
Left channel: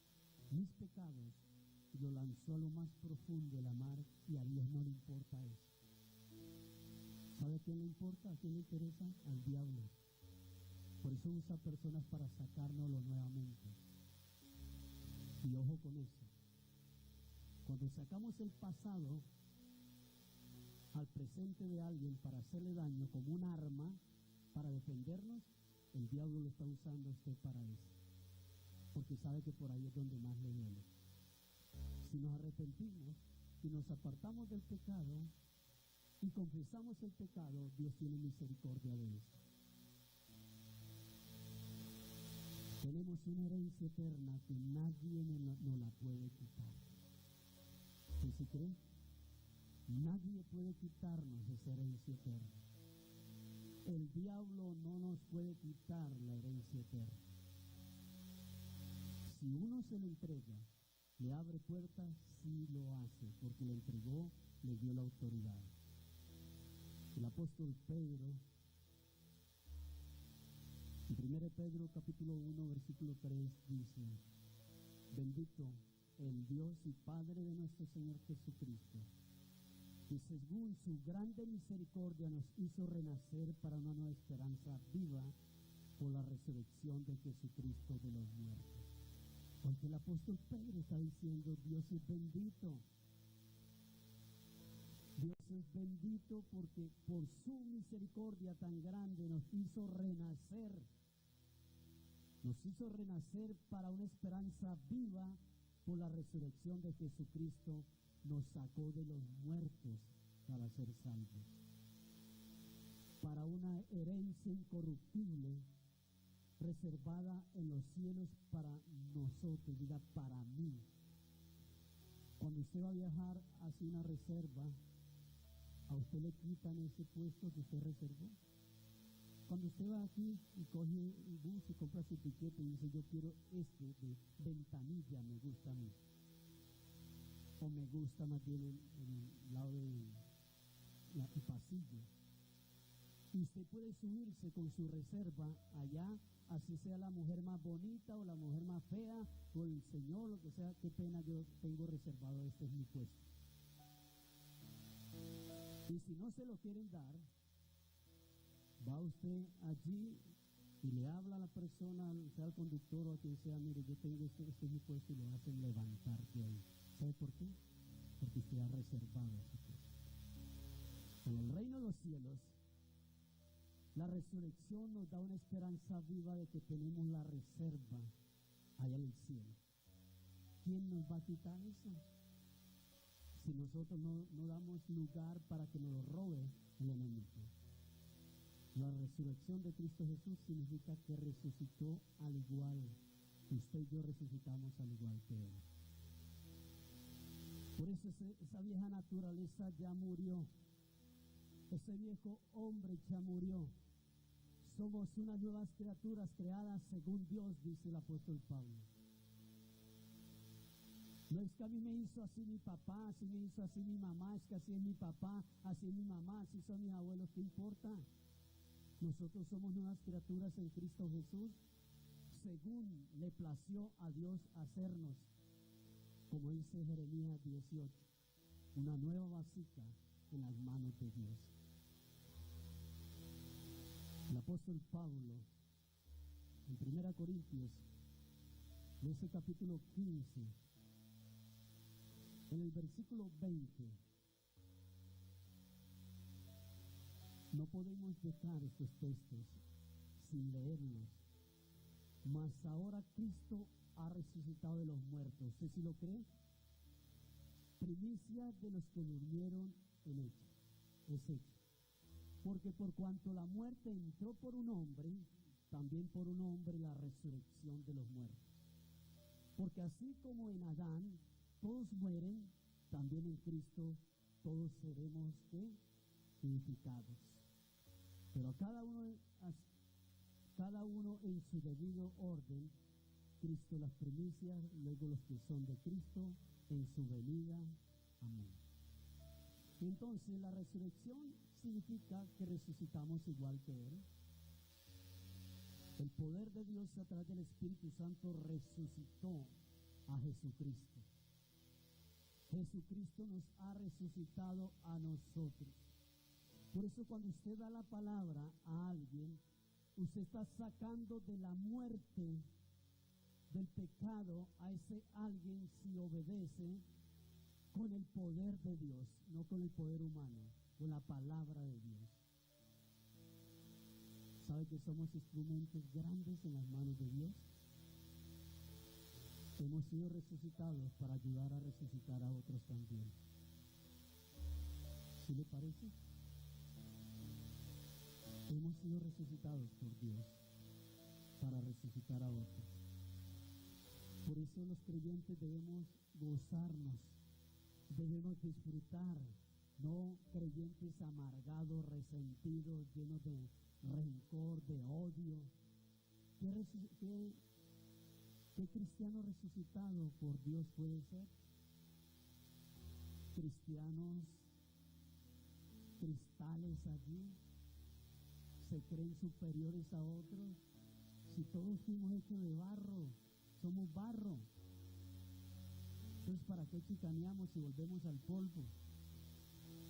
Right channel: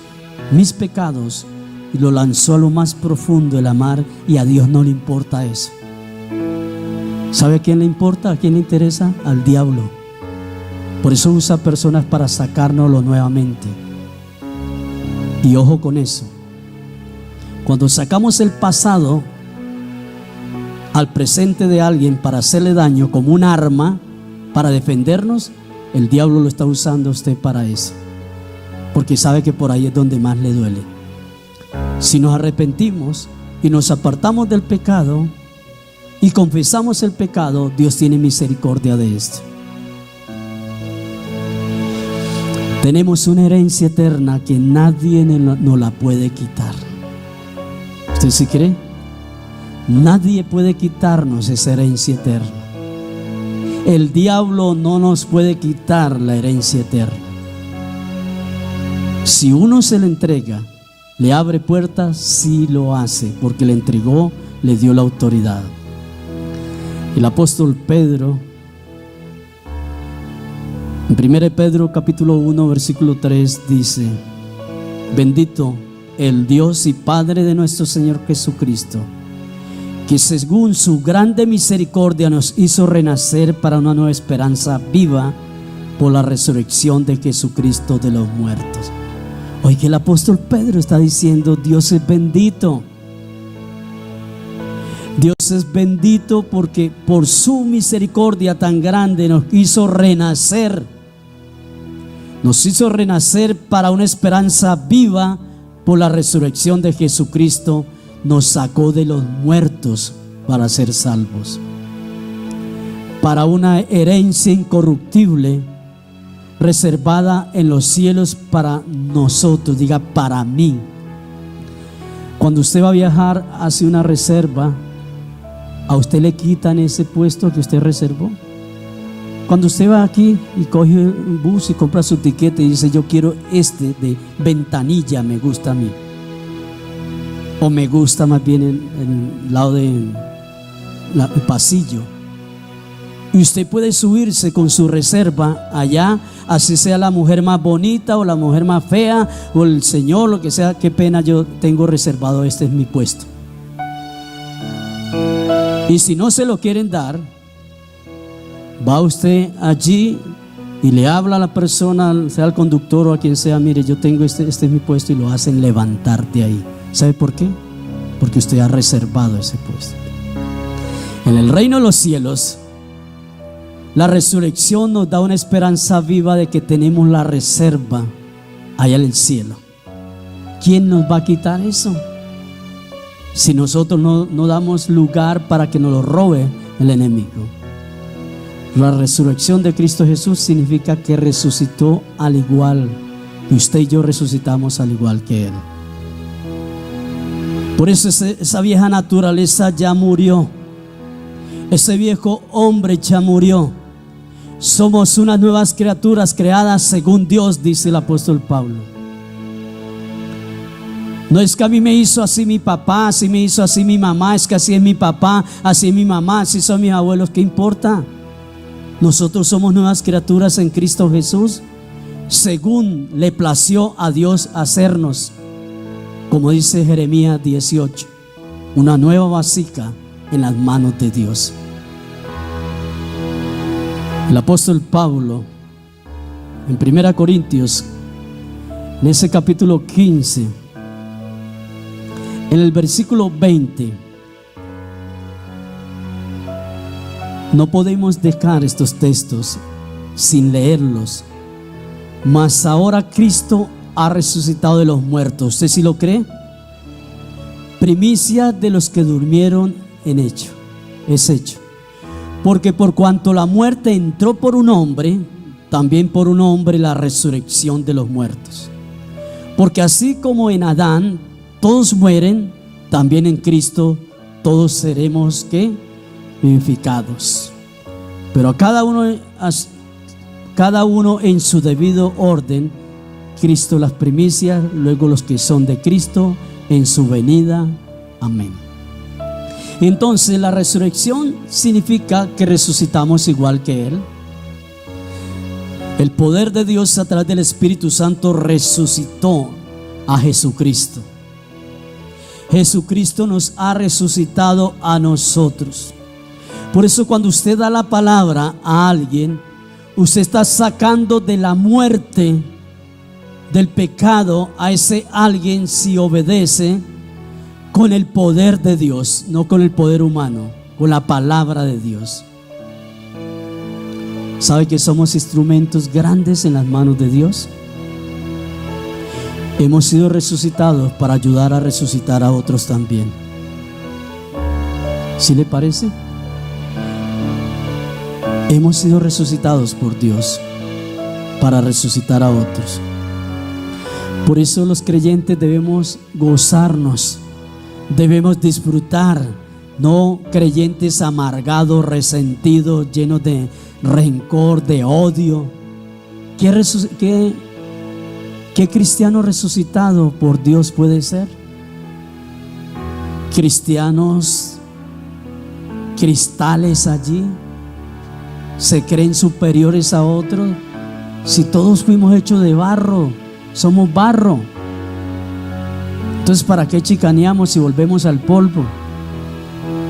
mis pecados, y lo lanzó a lo más profundo de la mar, y a Dios no le importa eso. ¿Sabe a quién le importa? ¿A quién le interesa? Al diablo. Por eso usa personas para sacárnoslo nuevamente. Y ojo con eso. Cuando sacamos el pasado al presente de alguien para hacerle daño como un arma para defendernos, el diablo lo está usando a usted para eso, porque sabe que por ahí es donde más le duele. Si nos arrepentimos y nos apartamos del pecado y confesamos el pecado, Dios tiene misericordia de esto. Tenemos una herencia eterna que nadie nos la puede quitar. ¿Usted sí cree? Nadie puede quitarnos esa herencia eterna. El diablo no nos puede quitar la herencia eterna. Si uno se le entrega, le abre puertas, sí lo hace, porque le entregó, le dio la autoridad. El apóstol Pedro, en 1 Pedro capítulo 1 versículo 3 dice: bendito el Dios y Padre de nuestro Señor Jesucristo, que según su grande misericordia nos hizo renacer para una nueva esperanza viva por la resurrección de Jesucristo de los muertos. Hoy que el apóstol Pedro está diciendo: Dios es bendito. Dios es bendito porque por su misericordia tan grande nos hizo renacer. Nos hizo renacer para una esperanza viva por la resurrección de Jesucristo. Nos sacó de los muertos para ser salvos, para una herencia incorruptible reservada en los cielos para nosotros. Diga, para mí. Cuando usted va a viajar, hace una reserva, a usted le quitan ese puesto que usted reservó. Cuando usted va aquí y coge un bus y compra su tiquete y dice: yo quiero este de ventanilla, me gusta a mí, o me gusta más bien en el lado del pasillo, y usted puede subirse con su reserva allá, así sea la mujer más bonita o la mujer más fea o el señor, lo que sea. Qué pena, yo tengo reservado, este es mi puesto. Y si no se lo quieren dar, va usted allí y le habla a la persona, sea el conductor o a quien sea: mire, yo tengo este es mi puesto, y lo hacen levantar de ahí. ¿Sabe por qué? Porque usted ha reservado ese puesto. En el reino de los cielos, la resurrección nos da una esperanza viva de que tenemos la reserva allá en el cielo. ¿Quién nos va a quitar eso? Si nosotros no damos lugar para que nos lo robe el enemigo. La resurrección de Cristo Jesús significa que resucitó al igual que usted y yo resucitamos al igual que Él. Por eso esa vieja naturaleza ya murió. Ese viejo hombre ya murió. Somos unas nuevas criaturas creadas según Dios, dice el apóstol Pablo. No es que a mí me hizo así mi papá, así me hizo así mi mamá, es que así es mi papá, así es mi mamá, así son mis abuelos. ¿Qué importa? Nosotros somos nuevas criaturas en Cristo Jesús, según le plació a Dios hacernos. como dice Jeremías 18, una nueva vasija en las manos de Dios. El apóstol Pablo en 1 Corintios, en ese capítulo 15, en el versículo 20, no podemos dejar estos textos sin leerlos. Mas ahora Cristo ha resucitado de los muertos. ¿Usted sí lo cree? Primicia de los que durmieron es hecho. Porque por cuanto la muerte entró por un hombre, también por un hombre la resurrección de los muertos. Porque así como en Adán todos mueren, también en Cristo todos seremos vivificados. Pero a cada uno en su debido orden: Cristo las primicias, luego los que son de Cristo en su venida. Amén. Entonces la resurrección significa que resucitamos igual que Él. El poder de Dios a través del Espíritu Santo resucitó a Jesucristo. Jesucristo nos ha resucitado a nosotros. Por eso cuando usted da la palabra a alguien, usted está sacando de la muerte, del pecado, a ese alguien, si obedece con el poder de Dios, no con el poder humano, con la palabra de Dios. ¿Sabe que somos instrumentos grandes en las manos de Dios? Hemos sido resucitados para ayudar a resucitar a otros también. ¿Sí le parece? Hemos sido resucitados por Dios para resucitar a otros. Por eso los creyentes debemos gozarnos, debemos disfrutar, no creyentes amargados, resentidos, llenos de rencor, de odio. ¿Qué cristiano resucitado por Dios puede ser? Cristianos cristales allí, se creen superiores a otros. Si todos fuimos hechos de barro, somos barro. Entonces, ¿para qué chicaneamos si volvemos al polvo?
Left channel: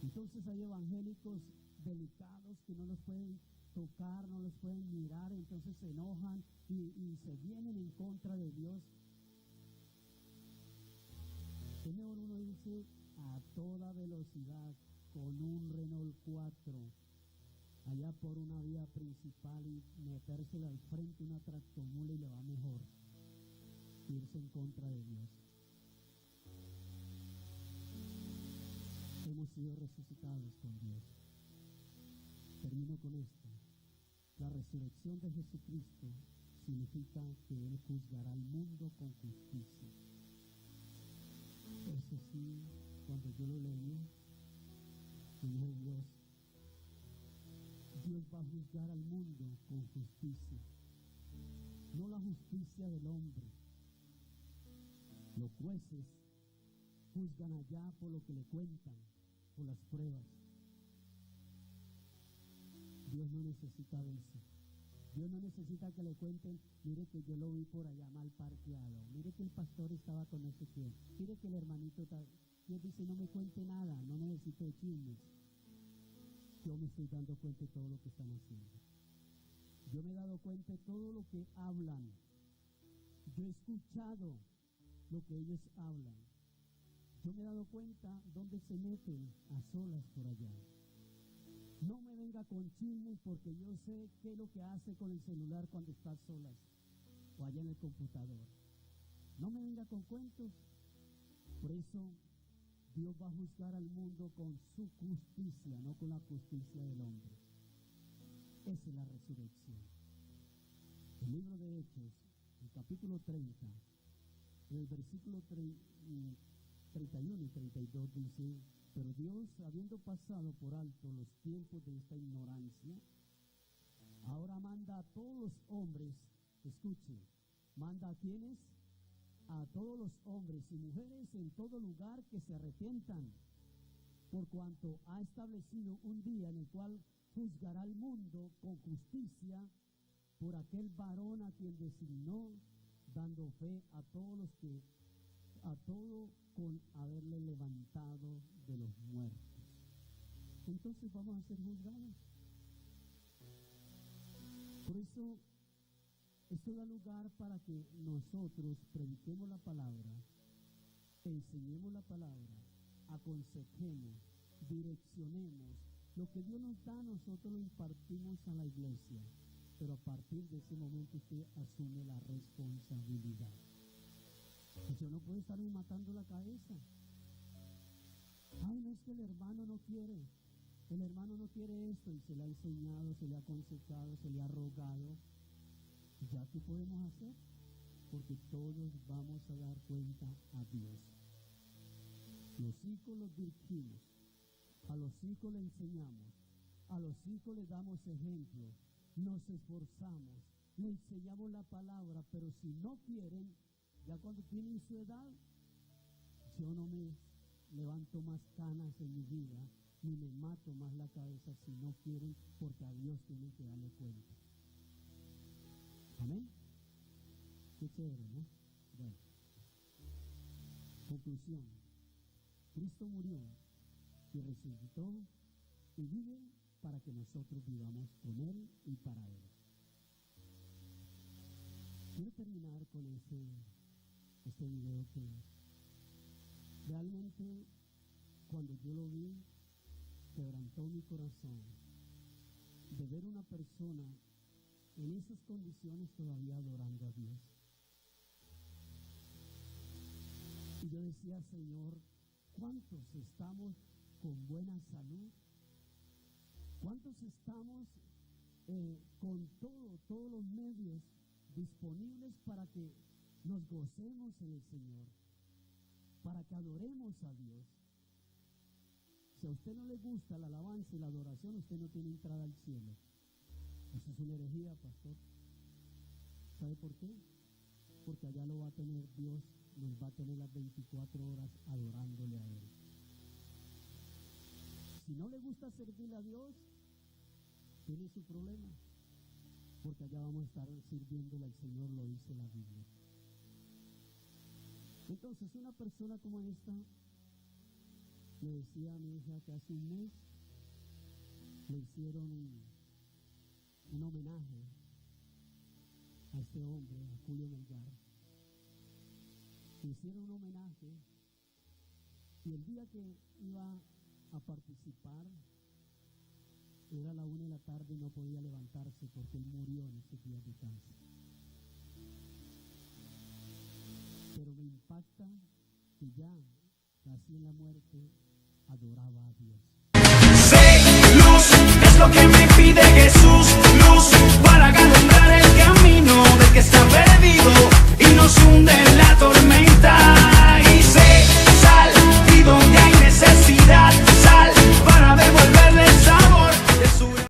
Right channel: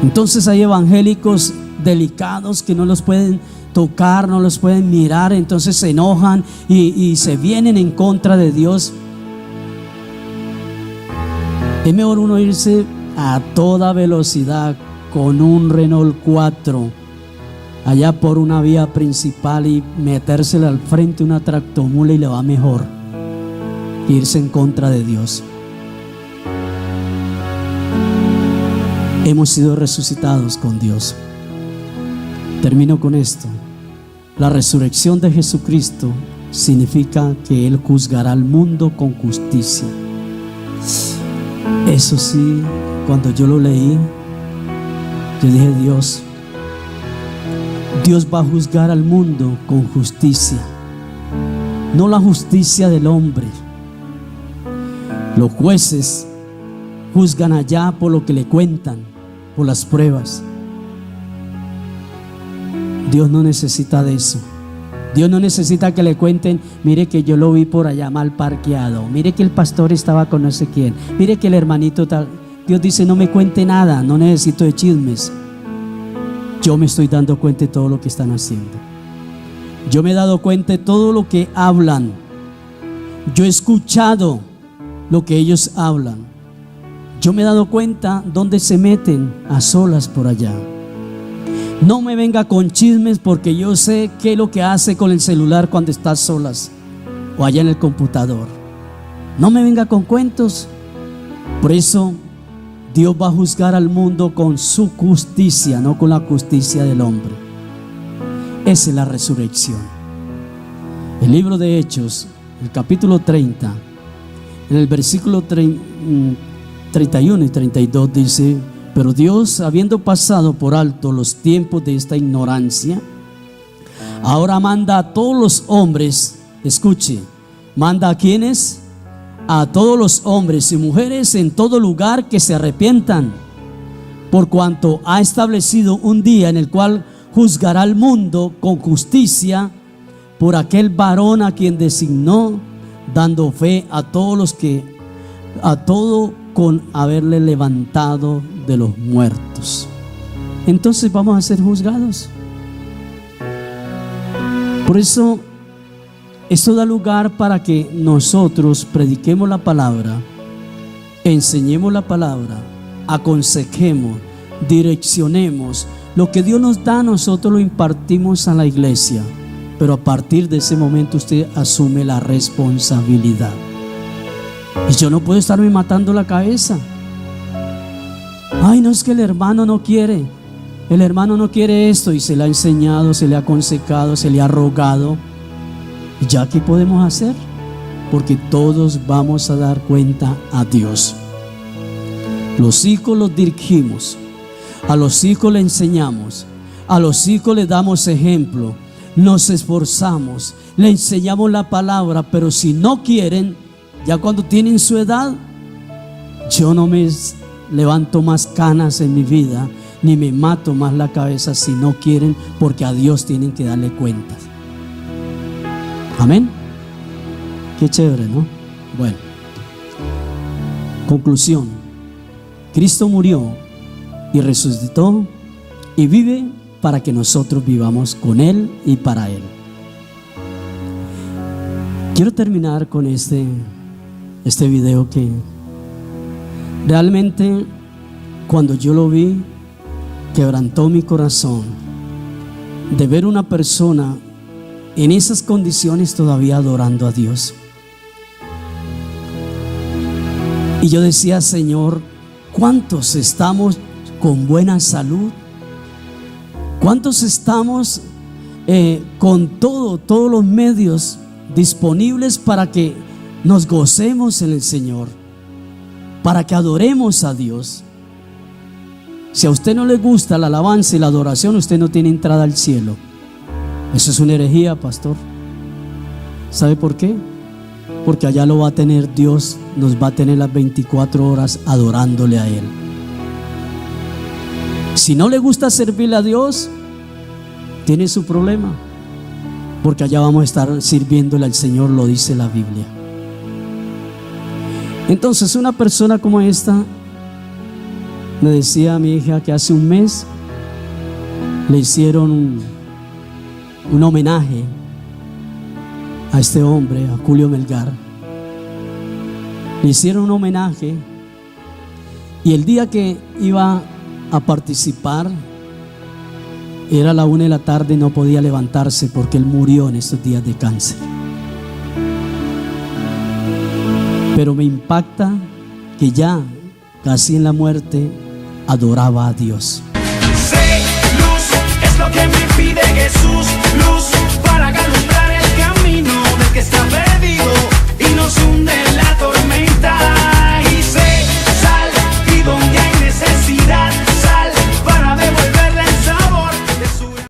Entonces hay evangélicos delicados que no los pueden tocar, no los pueden mirar, entonces se enojan y se vienen en contra de Dios. Es mejor uno irse a toda velocidad con un Renault 4 allá por una vía principal y metérsela al frente una tractomula y le va mejor que irse en contra de Dios. Hemos sido resucitados con Dios. Termino con esto. La resurrección de Jesucristo significa que Él juzgará al mundo con justicia. Eso sí, cuando yo lo leí, yo dije: Dios va a juzgar al mundo con justicia, no la justicia del hombre. Los jueces juzgan allá por lo que le cuentan, por las pruebas. Dios no necesita de eso. Dios no necesita que le cuenten: mire que yo lo vi por allá mal parqueado, mire que el pastor estaba con no sé quién, mire que el hermanito tal. Dios dice: no me cuente nada, no necesito de chismes. Yo me estoy dando cuenta de todo lo que están haciendo. Yo me he dado cuenta de todo lo que hablan. Yo he escuchado lo que ellos hablan. Yo me he dado cuenta dónde se meten a solas por allá. No me venga con chismes, porque yo sé qué es lo que hace con el celular cuando está a solas o allá en el computador. No me venga con cuentos. Por eso Dios va a juzgar al mundo con su justicia, no con la justicia del hombre. Esa es la resurrección. El libro de Hechos, el capítulo 30, en el versículo 31 y 32 dice: pero Dios, habiendo pasado por alto los tiempos de esta ignorancia, ahora manda a todos los hombres, escuche, manda a quienes, a todos los hombres y mujeres en todo lugar que se arrepientan, por cuanto ha establecido un día en el cual juzgará al mundo con justicia por aquel varón a quien designó, dando fe a todos los que a todo con haberle levantado de los muertos. Entonces vamos a ser juzgados. Por eso esto da lugar para que nosotros prediquemos la palabra, enseñemos la palabra, aconsejemos, direccionemos. Lo que Dios nos da, nosotros lo impartimos a la iglesia, pero a partir de ese momento usted asume la responsabilidad. Y yo no puedo estarme matando la cabeza. Ay, no, es que el hermano no quiere. El hermano no quiere esto, y se le ha enseñado, se le ha aconsejado, se le ha rogado. ¿Ya qué podemos hacer? Porque todos vamos a dar cuenta a Dios. Los hijos los dirigimos, a los hijos le enseñamos, a los hijos les damos ejemplo, nos esforzamos, le enseñamos la palabra, pero si no quieren, ya cuando tienen su edad, yo no me levanto más canas en mi vida, ni me mato más la cabeza si no quieren, porque a Dios tienen que darle cuentas. Amén. Qué chévere, ¿no? Bueno, conclusión: Cristo murió y resucitó y vive para que nosotros vivamos con Él y para Él. Quiero terminar con este video que realmente, cuando yo lo vi, quebrantó mi corazón de ver una persona en esas condiciones todavía adorando a Dios. Y yo decía: Señor, ¿cuántos estamos con buena salud? ¿Cuántos estamos con todos los medios disponibles para que nos gocemos en el Señor, para que adoremos a Dios? Si a usted no le gusta la alabanza y la adoración, usted no tiene entrada al cielo. Eso es una herejía, pastor. ¿Sabe por qué? Porque allá lo va a tener Dios, nos va a tener las 24 horas adorándole a Él. Si no le gusta servirle a Dios, tiene su problema, porque allá vamos a estar sirviéndole al Señor, lo dice la Biblia. Entonces, una persona como esta me decía a mi hija que hace un mes le hicieron un homenaje a este hombre, a Julio Melgar. Le hicieron un homenaje, y el día que iba a participar era la 1 de la tarde y no podía levantarse porque él murió en estos días de cáncer. Pero me impacta que ya casi en la muerte adoraba a Dios. Sé luz, es lo que me pide